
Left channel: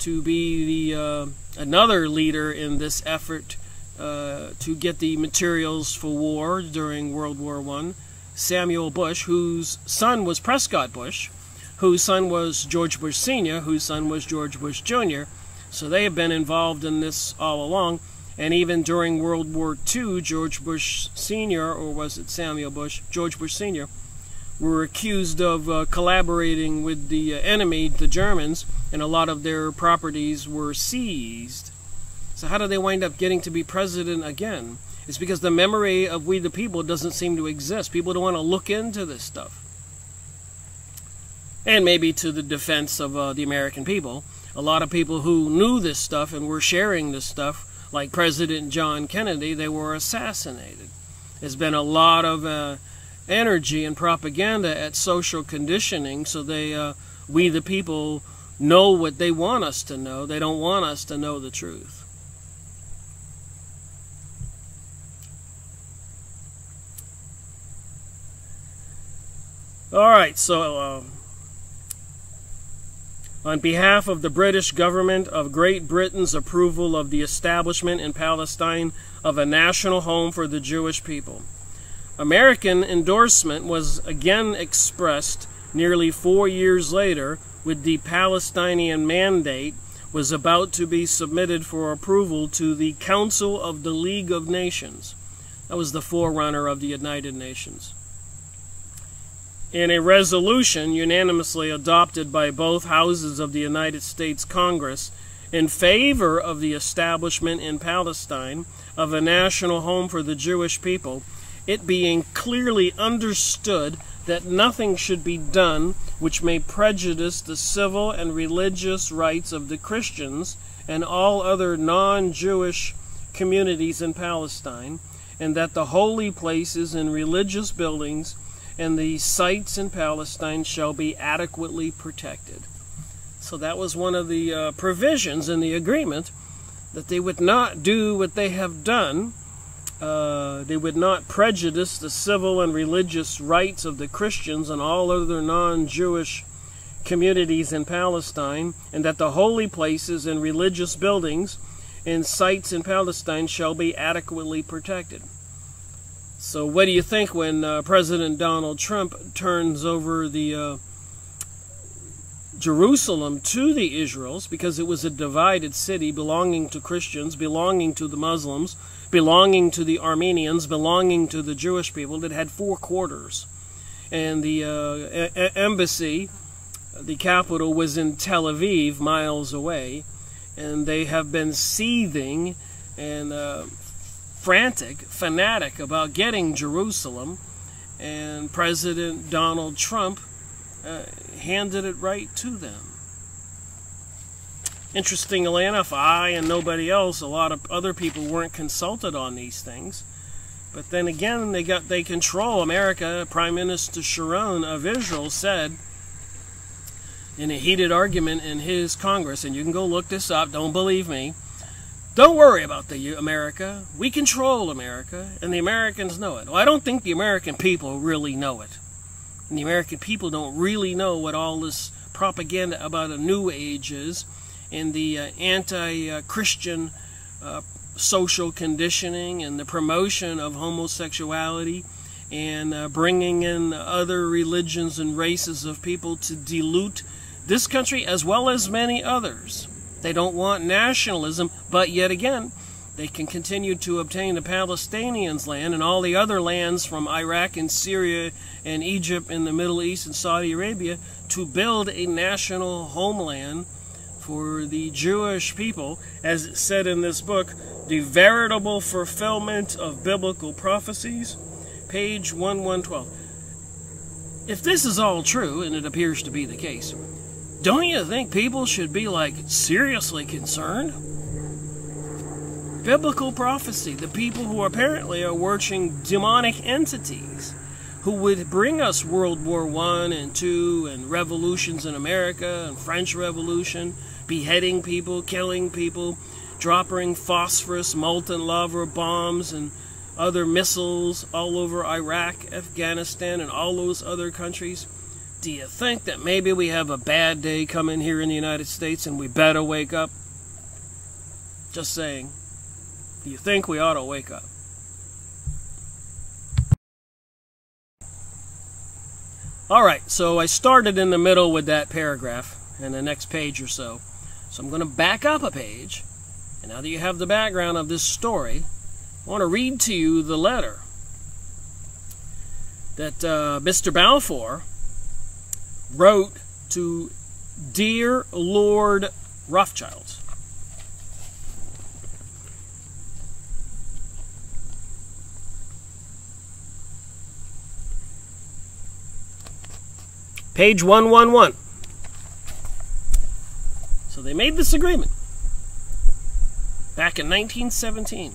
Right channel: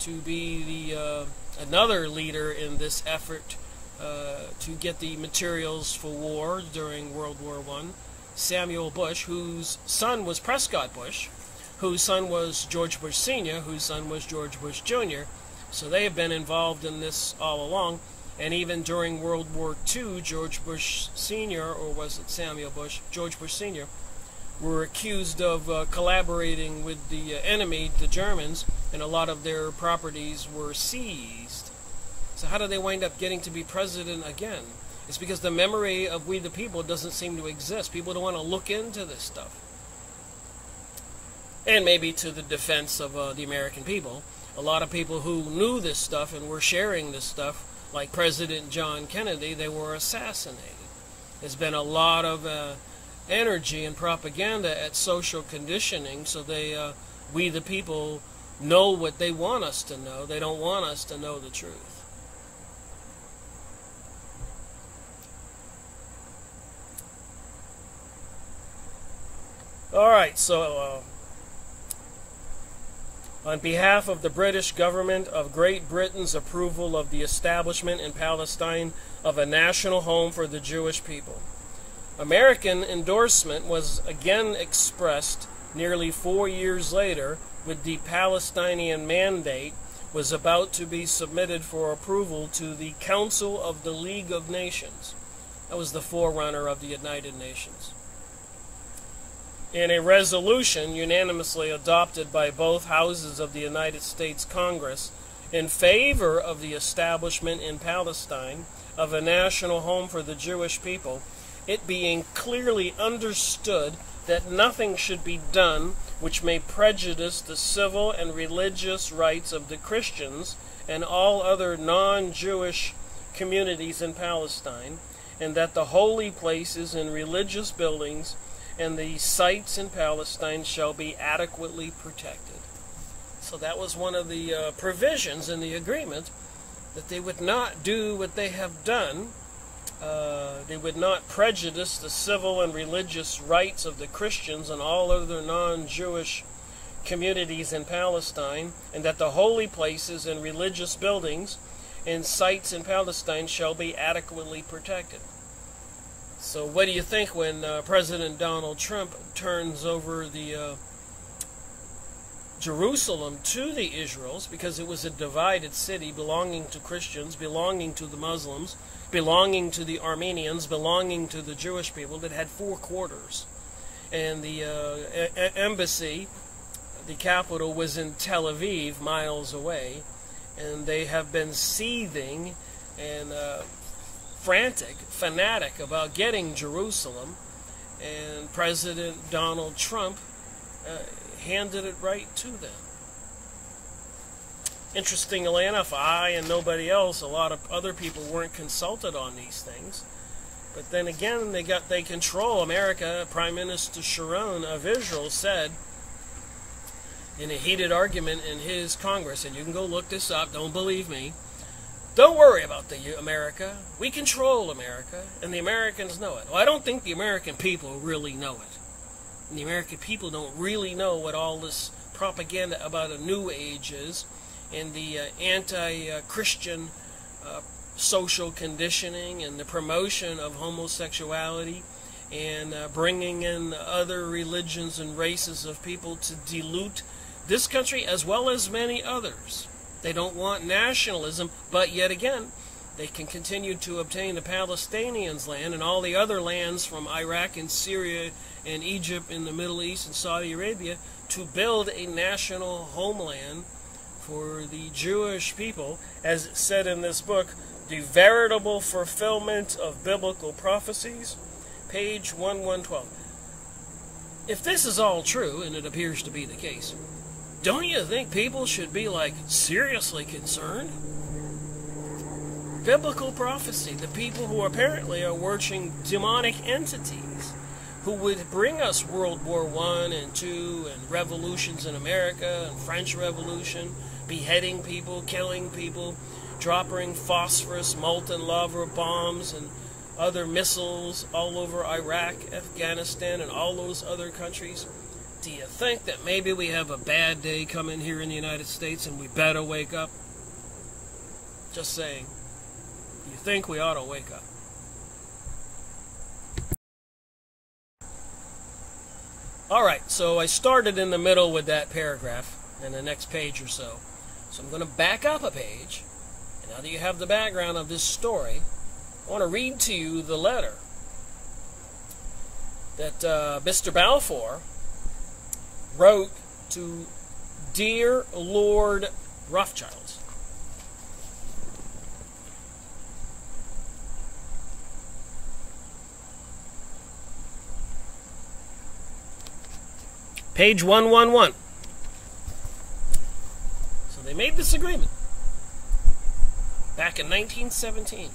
to be the another leader in this effort to get the materials for war during World War I. Samuel Bush, whose son was Prescott Bush, whose son was George Bush Sr., whose son was George Bush Jr. So they have been involved in this all along. And even during World War II, George Bush Sr., or was it Samuel Bush? George Bush Sr., were accused of collaborating with the enemy, the Germans, and a lot of their properties were seized. So how do they wind up getting to be president again? It's because the memory of we the people doesn't seem to exist. People don't want to look into this stuff. And maybe to the defense of the American people, a lot of people who knew this stuff and were sharing this stuff, like President John Kennedy, they were assassinated. There's been a lot of energy and propaganda at social conditioning, so we the people know what they want us to know. They don't want us to know the truth. All right, so on behalf of the British government of Great Britain's approval of the establishment in Palestine of a national home for the Jewish people. American endorsement was again expressed nearly 4 years later with the Palestinian Mandate was about to be submitted for approval to the Council of the League of Nations. That was the forerunner of the United Nations. In a resolution unanimously adopted by both houses of the United States Congress in favor of the establishment in Palestine of a national home for the Jewish people, it being clearly understood that nothing should be done which may prejudice the civil and religious rights of the Christians and all other non-Jewish communities in Palestine, and that the holy places and religious buildings and the sites in Palestine shall be adequately protected. So that was one of the provisions in the agreement, that they would not do what they have done. They would not prejudice the civil and religious rights of the Christians and all other non-Jewish communities in Palestine, and that the holy places and religious buildings and sites in Palestine shall be adequately protected. So what do you think when President Donald Trump turns over the Jerusalem to the Israels, because it was a divided city belonging to Christians, belonging to the Muslims, belonging to the Armenians, belonging to the Jewish people, that had 4 quarters. And the embassy, the capital, was in Tel Aviv, miles away, and they have been seething and fanatic about getting Jerusalem, and President Donald Trump handed it right to them. Interestingly enough, I and nobody else, a lot of other people weren't consulted on these things. But then again, they control America. Prime Minister Sharon of Israel said in a heated argument in his Congress, and you can go look this up, don't believe me, Don't worry about the America. We control America, and the Americans know it. Well, I don't think the American people really know it. And the American people don't really know what all this propaganda about a new age is, and the anti-Christian social conditioning and the promotion of homosexuality and bringing in other religions and races of people to dilute this country as well as many others. They don't want nationalism, but yet again, they can continue to obtain the Palestinians' land and all the other lands from Iraq and Syria and Egypt and the Middle East and Saudi Arabia to build a national homeland for the Jewish people, as it said in this book, The Veritable Fulfillment of Biblical Prophecies, page 1112. If this is all true, and it appears to be the case, don't you think people should be, seriously concerned? Biblical prophecy, the people who apparently are worshiping demonic entities who would bring us World War I and II and revolutions in America and French Revolution, beheading people, killing people, dropping phosphorus, molten lava bombs, and other missiles all over Iraq, Afghanistan, and all those other countries. Do you think that maybe we have a bad day coming here in the United States and we better wake up? Just saying. Do you think we ought to wake up? Alright, so I started in the middle with that paragraph and the next page or so. So I'm going to back up a page. And now that you have the background of this story, I want to read to you the letter that Mr. Balfour wrote to Dear Lord Rothschild. Page 111. So they made this agreement back in 1917.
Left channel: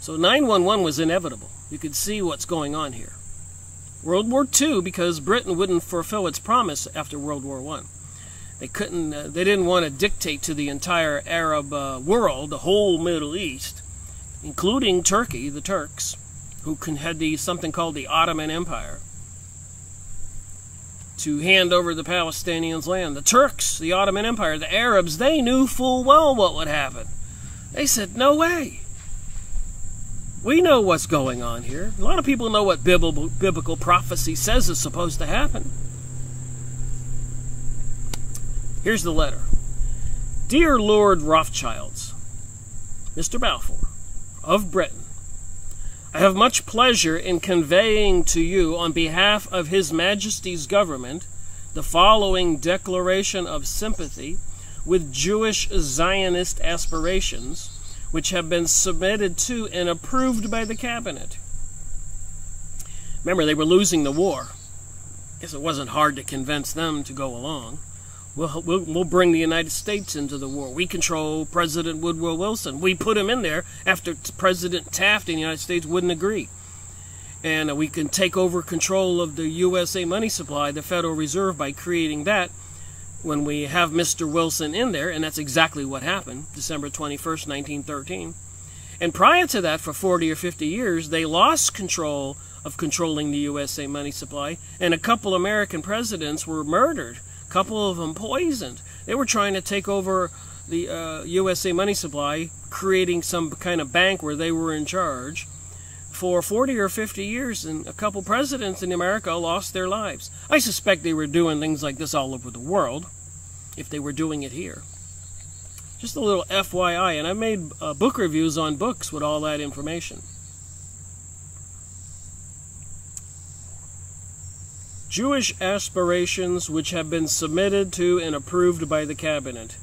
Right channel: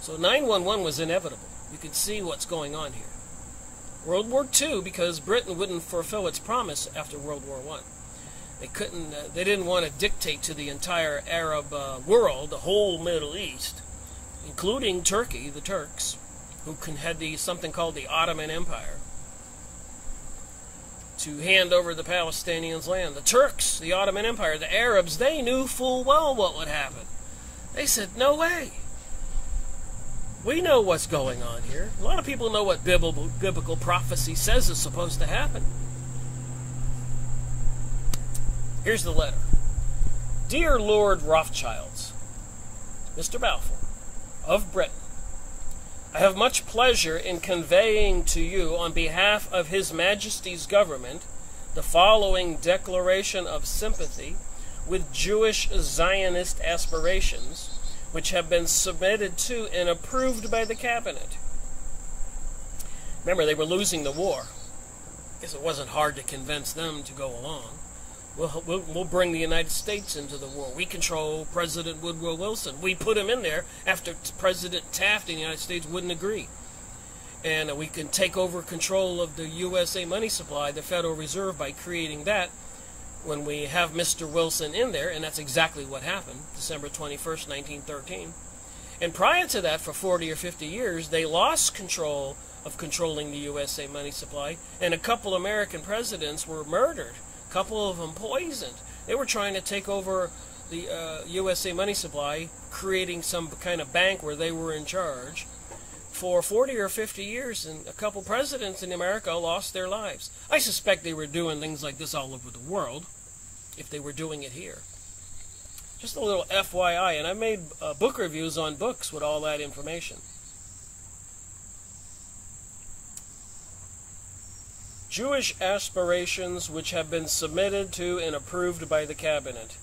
So 9/11 was inevitable. You could see what's going on here. World War II, because Britain wouldn't fulfill its promise after World War I. They didn't want to dictate to the entire Arab world, the whole Middle East, including Turkey, the Turks, who had something called the Ottoman Empire, to hand over the Palestinians' land. The Turks, the Ottoman Empire, the Arabs, they knew full well what would happen. They said, no way. We know what's going on here. A lot of people know what biblical prophecy says is supposed to happen. Here's the letter. Dear Lord Rothschilds, Mr. Balfour, of Britain, I have much pleasure in conveying to you on behalf of His Majesty's government the following declaration of sympathy with Jewish Zionist aspirations, which have been submitted to and approved by the cabinet. Remember, they were losing the war. I guess it wasn't hard to convince them to go along. We'll bring the United States into the war. We control President Woodrow Wilson. We put him in there after President Taft in the United States wouldn't agree. And we can take over control of the USA money supply, the Federal Reserve, by creating that when we have Mr. Wilson in there, and that's exactly what happened, December 21st, 1913. And prior to that, for 40 or 50 years, they lost control of controlling the USA money supply, and a couple American presidents were murdered, a couple of them poisoned. They were trying to take over the USA money supply, creating some kind of bank where they were in charge. For 40 or 50 years, and a couple presidents in America lost their lives. I suspect they were doing things like this all over the world, if they were doing it here. Just a little FYI, and I made book reviews on books with all that information. Jewish aspirations which have been submitted to and approved by the cabinet.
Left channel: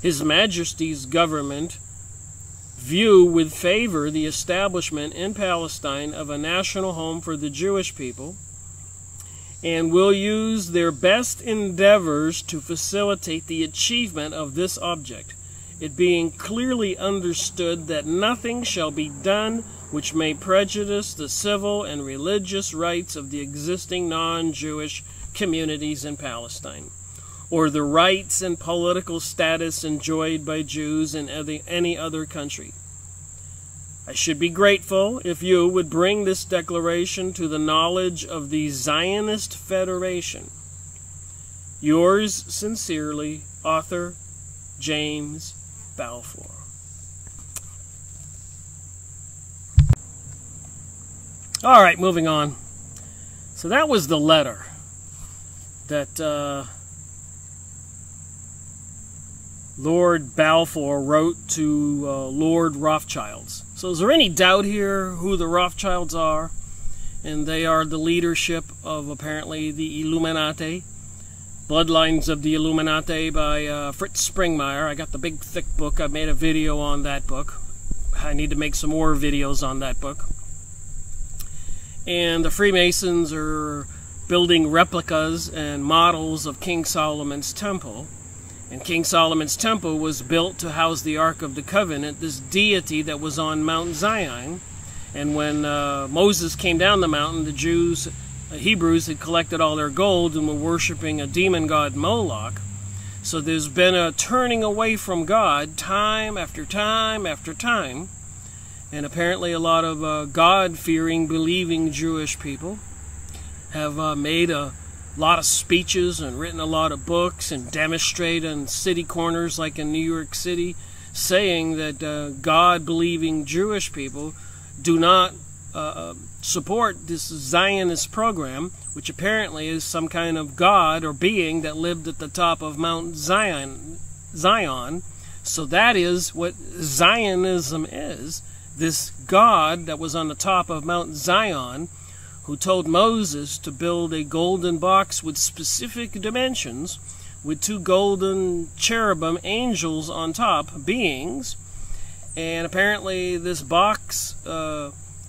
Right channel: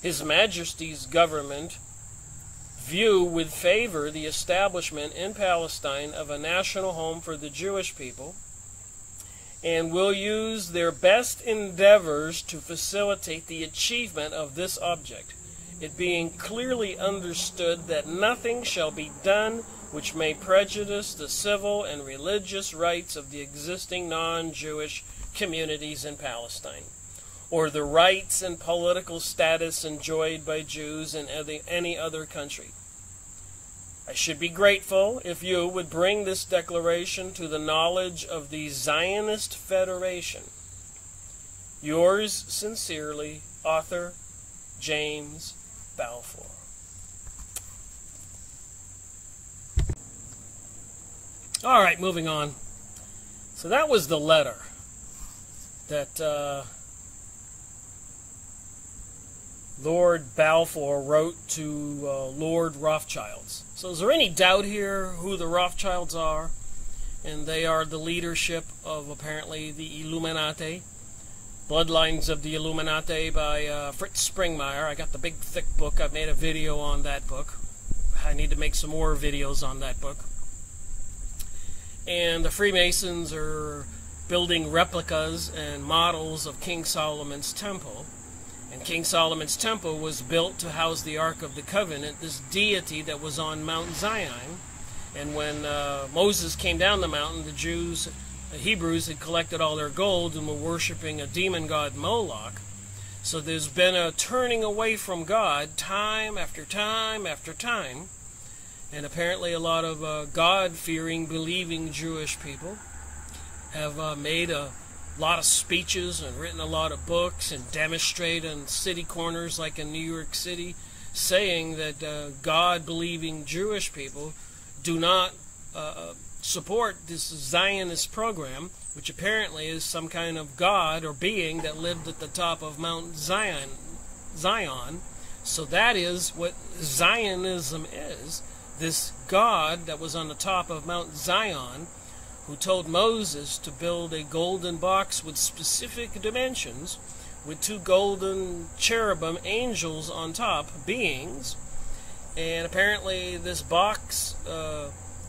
His Majesty's government view with favor the establishment in Palestine of a national home for the Jewish people, and will use their best endeavors to facilitate the achievement of this object, it being clearly understood that nothing shall be done which may prejudice the civil and religious rights of the existing non-Jewish communities in Palestine, or the rights and political status enjoyed by Jews in any other country. I should be grateful if you would bring this declaration to the knowledge of the Zionist Federation. Yours sincerely, Author James Balfour. All right, moving on. So that was the letter that Lord Balfour wrote to Lord Rothschilds. So is there any doubt here who the Rothschilds are? And they are the leadership of apparently the Illuminati. Bloodlines of the Illuminati by Fritz Springmeier. I got the big thick book. I made a video on that book. I need to make some more videos on that book. And the Freemasons are building replicas and models of King Solomon's Temple. And King Solomon's Temple was built to house the Ark of the Covenant, this deity that was on Mount Zion. And when Moses came down the mountain, the Hebrews had collected all their gold and were worshiping a demon god Moloch. So there's been a turning away from God time after time after time. And apparently a lot of God-fearing, believing Jewish people have made a lot of speeches and written a lot of books and demonstrate on city corners like in New York City, saying that God-believing Jewish people do not support this Zionist program, which apparently is some kind of God or being that lived at the top of Mount Zion. So that is what Zionism is. This God that was on the top of Mount Zion, who told Moses to build a golden box with specific dimensions, with 2 golden cherubim angels on top, beings. And apparently this box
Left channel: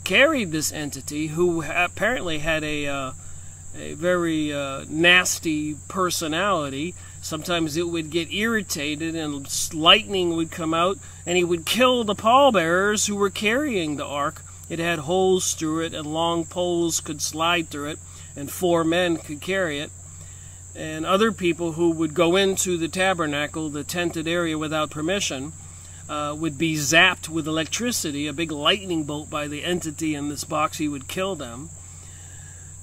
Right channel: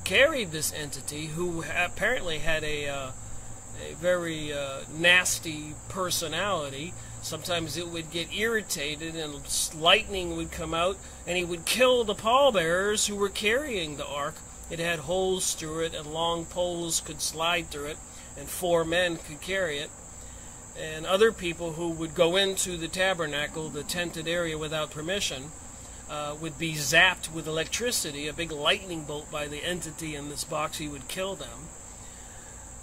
carried this entity, who apparently had a very nasty personality. Sometimes it would get irritated and lightning would come out and he would kill the pallbearers who were carrying the ark. It had holes through it and long poles could slide through it, and 4 men could carry it. And other people who would go into the tabernacle, the tented area, without permission, would be zapped with electricity, a big lightning bolt by the entity in this box. He would kill them.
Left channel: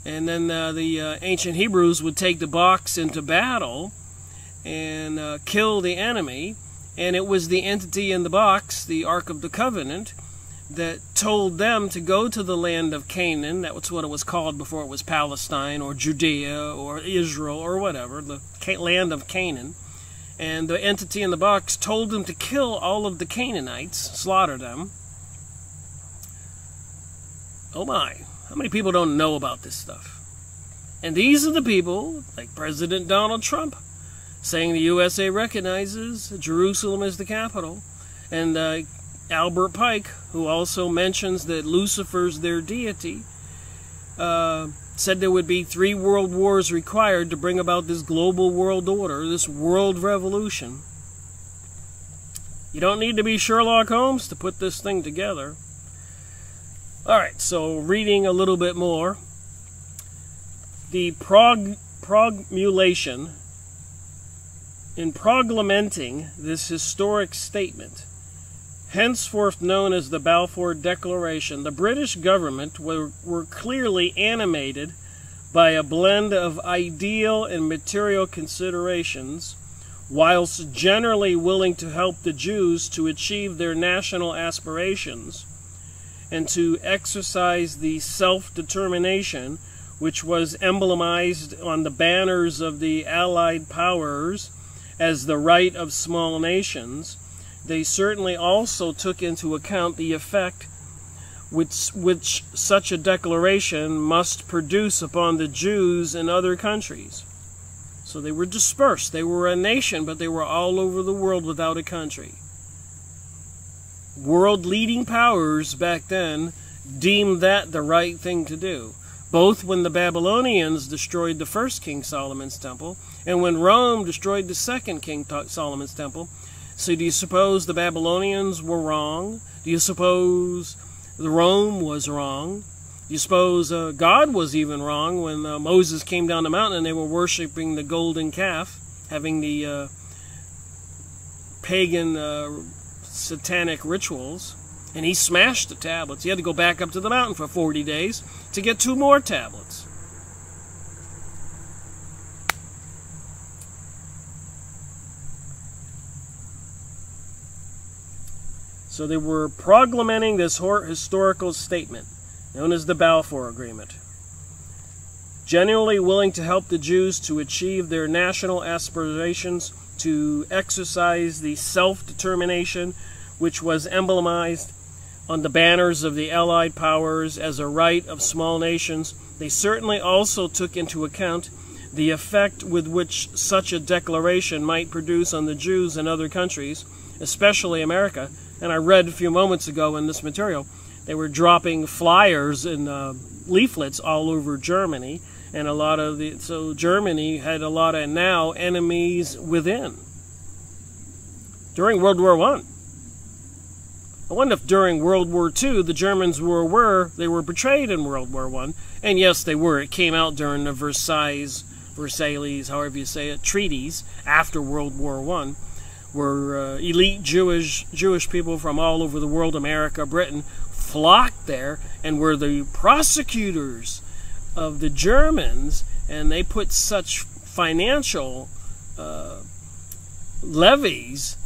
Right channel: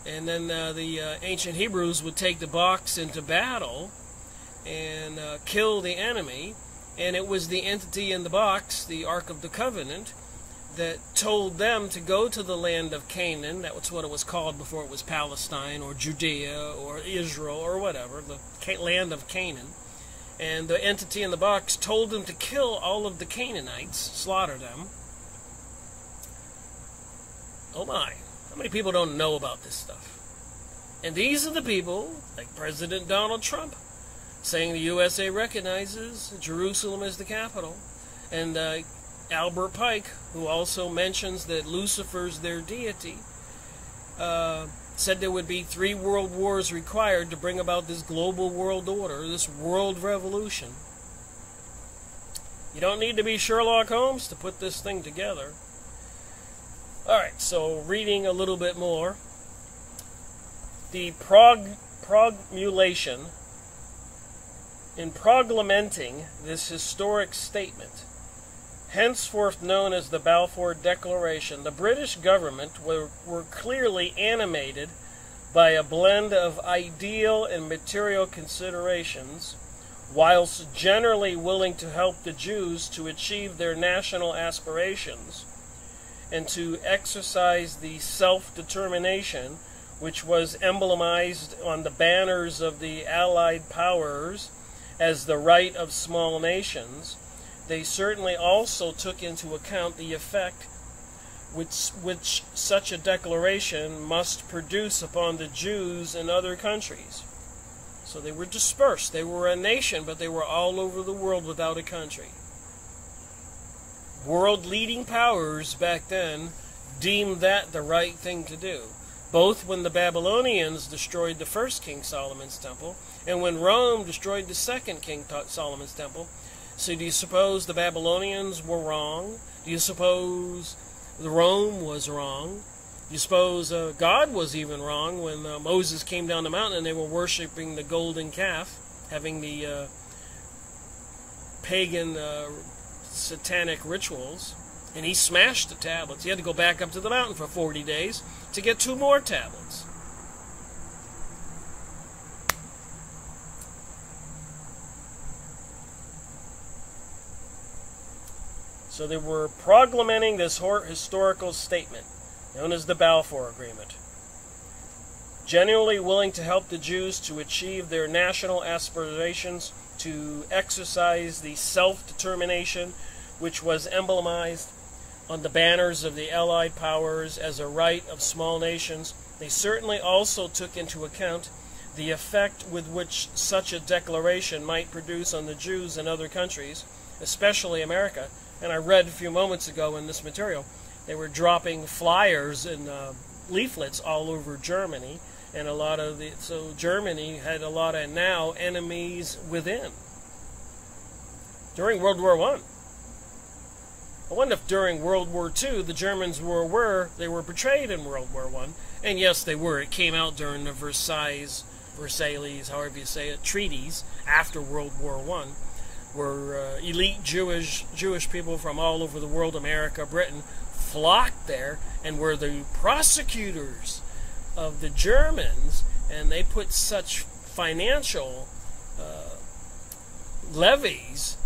And then the ancient Hebrews would take the box into battle and kill the enemy. And it was the entity in the box, the Ark of the Covenant, that told them to go to the land of Canaan. That was what it was called before it was Palestine or Judea or Israel or whatever, the land of Canaan. And the entity in the box told them to kill all of the Canaanites, slaughter them. Oh my, how many people don't know about this stuff? And these are the people, like President Donald Trump, saying the USA recognizes Jerusalem as the capital. And Albert Pike, who also mentions that Lucifer's their deity, said there would be 3 world wars required to bring about this global world order, this world revolution. You don't need to be Sherlock Holmes to put this thing together. Alright, so reading a little bit more. The promulgation, in proglamenting this historic statement, henceforth known as the Balfour Declaration, the British government were clearly animated by a blend of ideal and material considerations, whilst generally willing to help the Jews to achieve their national aspirations and to exercise the self-determination which was emblemized on the banners of the Allied powers as the right of small nations. They certainly also took into account the effect which such a declaration must produce upon the Jews in other countries. So they were dispersed. They were a nation, but they were all over the world without a country. World-leading powers back then deemed that the right thing to do, both when the Babylonians destroyed the first King Solomon's Temple and when Rome destroyed the second King Solomon's Temple. So do you suppose the Babylonians were wrong? Do you suppose the Rome was wrong? Do you suppose God was even wrong when Moses came down the mountain and they were worshiping the golden calf? having the pagan satanic rituals, and he smashed the tablets. He had to go back up to the mountain for 40 days to get 2 more tablets. So they were proclaiming this historical statement, known as the Balfour Agreement, genuinely willing to help the Jews to achieve their national aspirations, to exercise the self-determination which was emblemized on the banners of the Allied powers as a right of small nations. They certainly also took into account the effect with which such a declaration might produce on the Jews in other countries, especially America. And I read a few moments ago in this material, they were dropping flyers and leaflets all over Germany, and so Germany had a lot of now enemies within. During World War I wonder if during World War II the Germans were aware they were betrayed in World War I, and yes, they were. It came out during the Versailles, however you say it, treaties after World War I. Where elite Jewish people from all over the world, America, Britain, flocked there and were the prosecutors of the Germans, and they put such financial levies,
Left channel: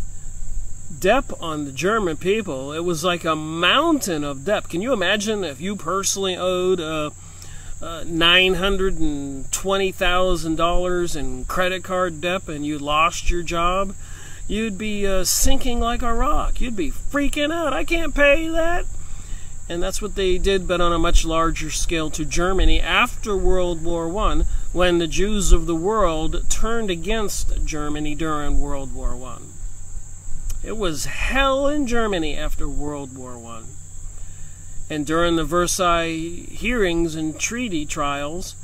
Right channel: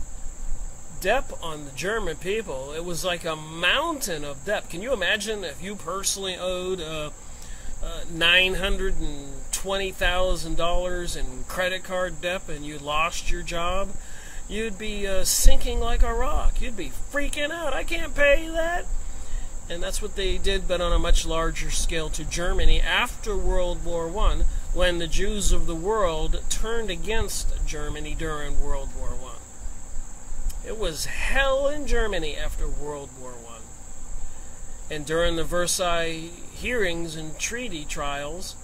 debt on the German people. It was like a mountain of debt. Can you imagine if you personally owed $920,000 in credit card debt and you lost your job? You'd be sinking like a rock. You'd be freaking out. I can't pay that. And that's what they did, but on a much larger scale to Germany after World War I, when the Jews of the world turned against Germany during World War I. It was hell in Germany after World War I. And during the Versailles hearings and treaty trials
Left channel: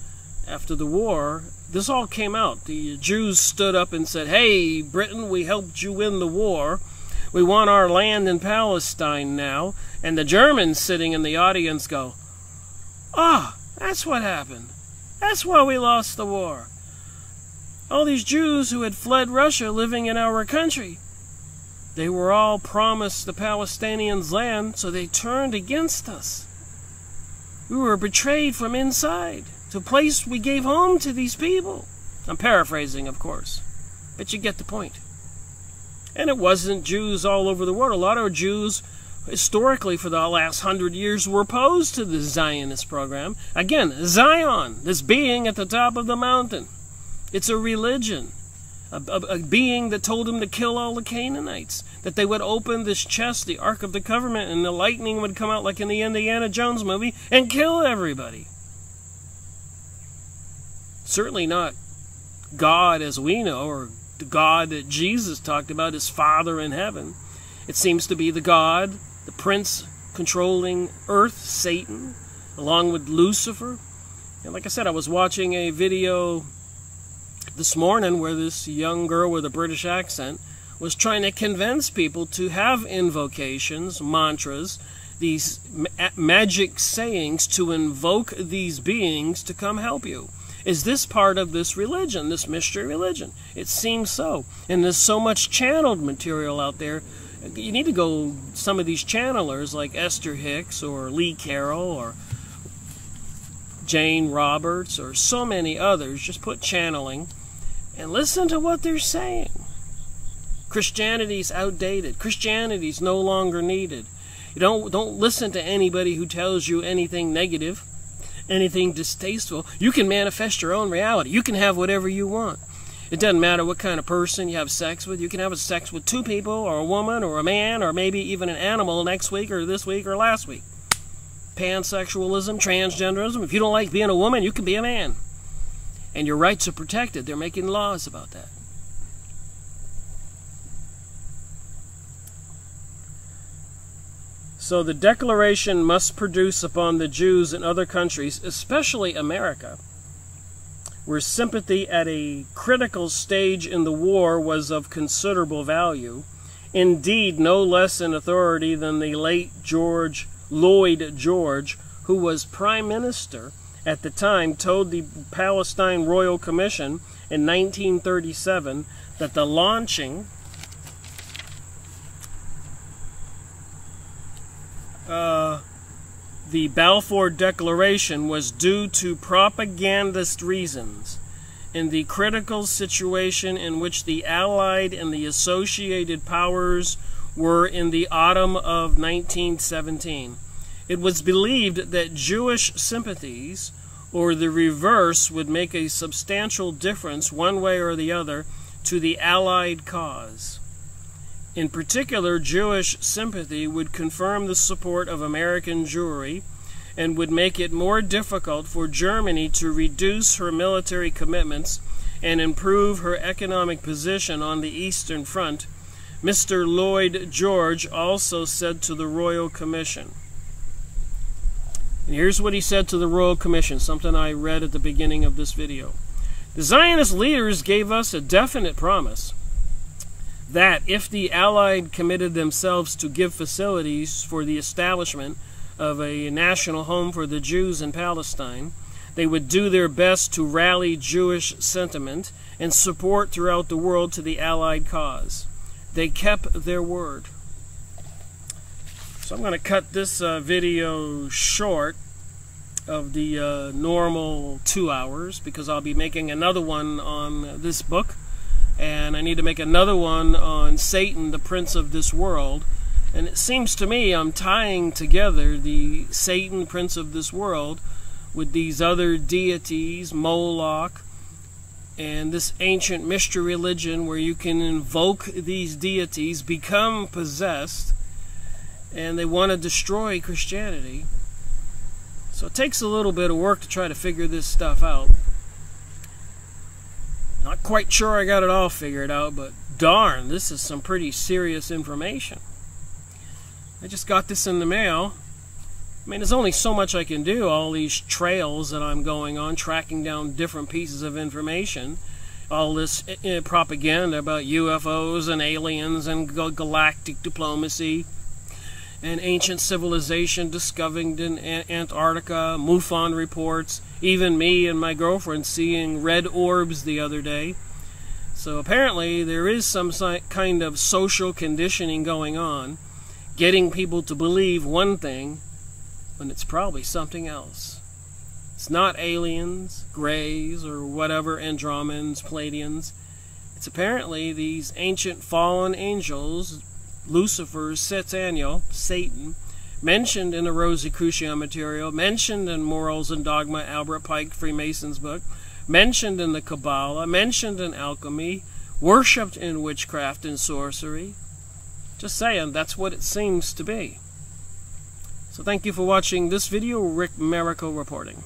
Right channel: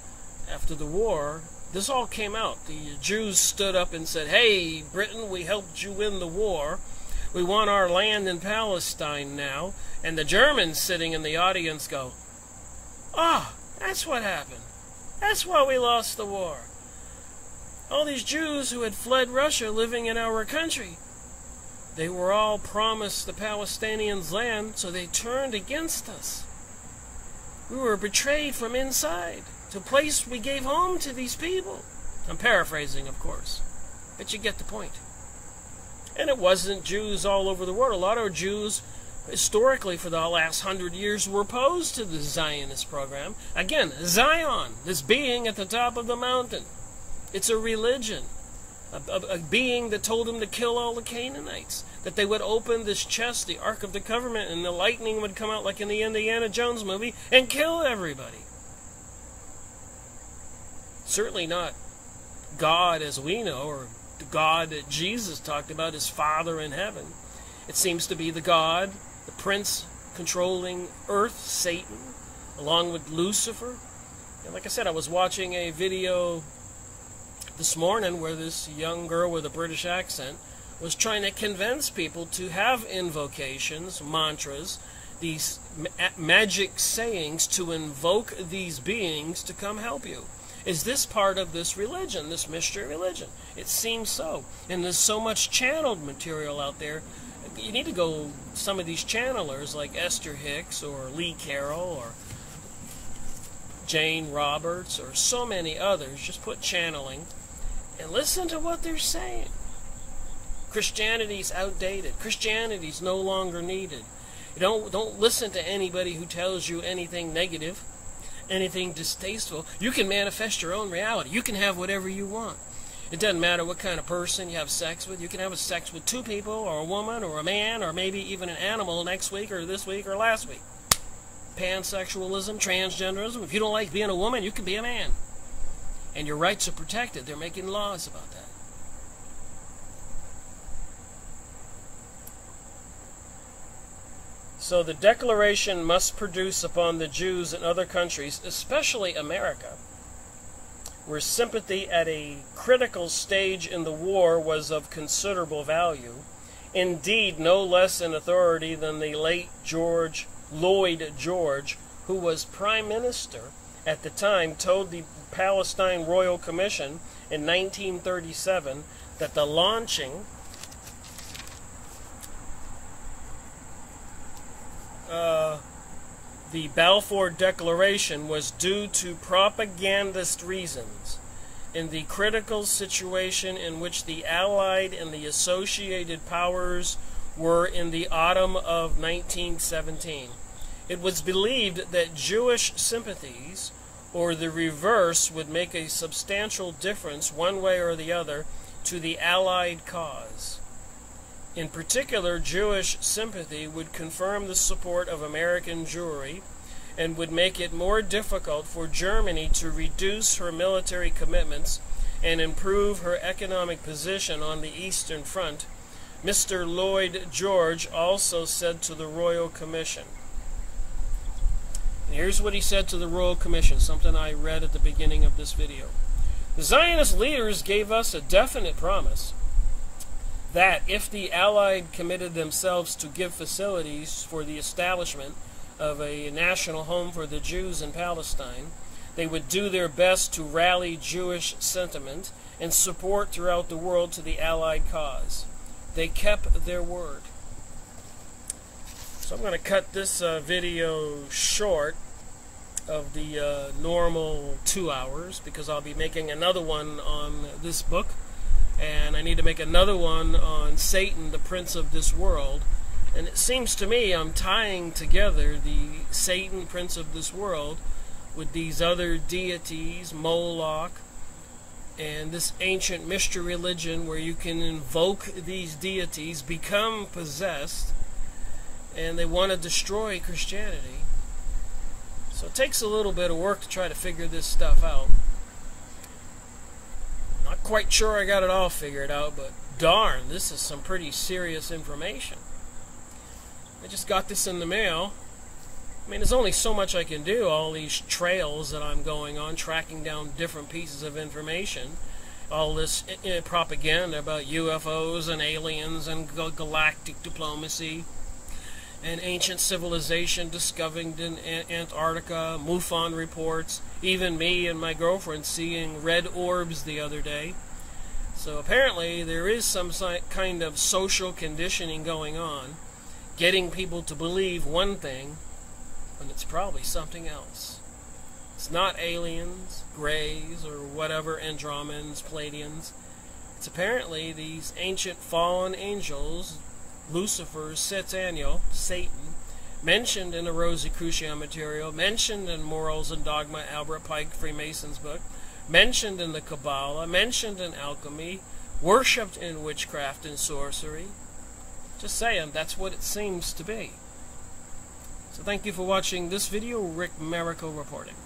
after the war, this all came out. The Jews stood up and said, "Hey, Britain, we helped you win the war. We want our land in Palestine now." And the Germans sitting in the audience go, "Ah, that's what happened. That's why we lost the war. All these Jews who had fled Russia living in our country, they were all promised the Palestinians land, so they turned against us. We were betrayed from inside to a place we gave home to these people." I'm paraphrasing, of course, but you get the point. And it wasn't Jews all over the world. A lot of Jews, historically, for the last 100 years, were opposed to the Zionist program. Again, Zion, this being at the top of the mountain. It's a religion. A being that told him to kill all the Canaanites, that they would open this chest, the Ark of the Covenant, and the lightning would come out like in the Indiana Jones movie and kill everybody. Certainly not God as we know, or the God that Jesus talked about, his Father in heaven. It seems to be the God, the prince controlling earth, Satan, along with Lucifer. And like I said, I was watching a video this morning where this young girl with a British accent was trying to convince people to have invocations, mantras, these magic sayings to invoke these beings to come help you. Is this part of this religion, this mystery religion? It seems so. And there's so much channeled material out there. You need to go, some of these channelers like Esther Hicks or Lee Carroll or Jane Roberts or so many others, just put channeling and listen to what they're saying. Christianity's outdated. Christianity's no longer needed. You don't listen to anybody who tells you anything negative, anything distasteful. You can manifest your own reality. You can have whatever you want. It doesn't matter what kind of person you have sex with. You can have sex with 2 people, or a woman, or a man, or maybe even an animal next week, or this week, or last week. Pansexualism, transgenderism. If you don't like being a woman, you can be a man. And your rights are protected. They're making laws about that. So the declaration must produce upon the Jews in other countries, especially America, where sympathy at a critical stage in the war was of considerable value, indeed no less in authority than the late Lloyd George, who was Prime Minister at the time told the Palestine Royal Commission in 1937 that the launching the Balfour Declaration was due to propagandist reasons in the critical situation in which the Allied and the associated powers were in the autumn of 1917. It was believed that Jewish sympathies, or the reverse, would make a substantial difference one way or the other to the Allied cause. In particular, Jewish sympathy would confirm the support of American Jewry and would make it more difficult for Germany to reduce her military commitments and improve her economic position on the Eastern Front, Mr. Lloyd George also said to the Royal Commission. And here's what he said to the Royal Commission, something I read at the beginning of this video. The Zionist leaders gave us a definite promise that if the Allied committed themselves to give facilities for the establishment of a national home for the Jews in Palestine, they would do their best to rally Jewish sentiment and support throughout the world to the Allied cause. They kept their word. So I'm going to cut this video short of the normal 2 hours because I'll be making another one on this book. And I need to make another one on Satan, the prince of this world. And it seems to me I'm tying together the Satan, prince of this world, with these other deities, Moloch, and this ancient mystery religion where you can invoke these deities, become possessed, and they want to destroy Christianity. So it takes a little bit of work to try to figure this stuff out. Not quite sure I got it all figured out, but darn, this is some pretty serious information. I just got this in the mail. I mean, there's only so much I can do, all these trails that I'm going on, tracking down different pieces of information, all this propaganda about UFOs and aliens and galactic diplomacy, and ancient civilization discovered in Antarctica, MUFON reports, even me and my girlfriend seeing red orbs the other day. So apparently there is some kind of social conditioning going on, getting people to believe one thing when it's probably something else. It's not aliens, greys, or whatever, Andromedans, Pleiadians. It's apparently these ancient fallen angels, Lucifer, Satan, mentioned in the Rosicrucian material, mentioned in Morals and Dogma, Albert Pike, Freemason's book, mentioned in the Kabbalah, mentioned in alchemy, worshipped in witchcraft and sorcery. Just saying, that's what it seems to be. So thank you for watching this video. Rick Miracle reporting.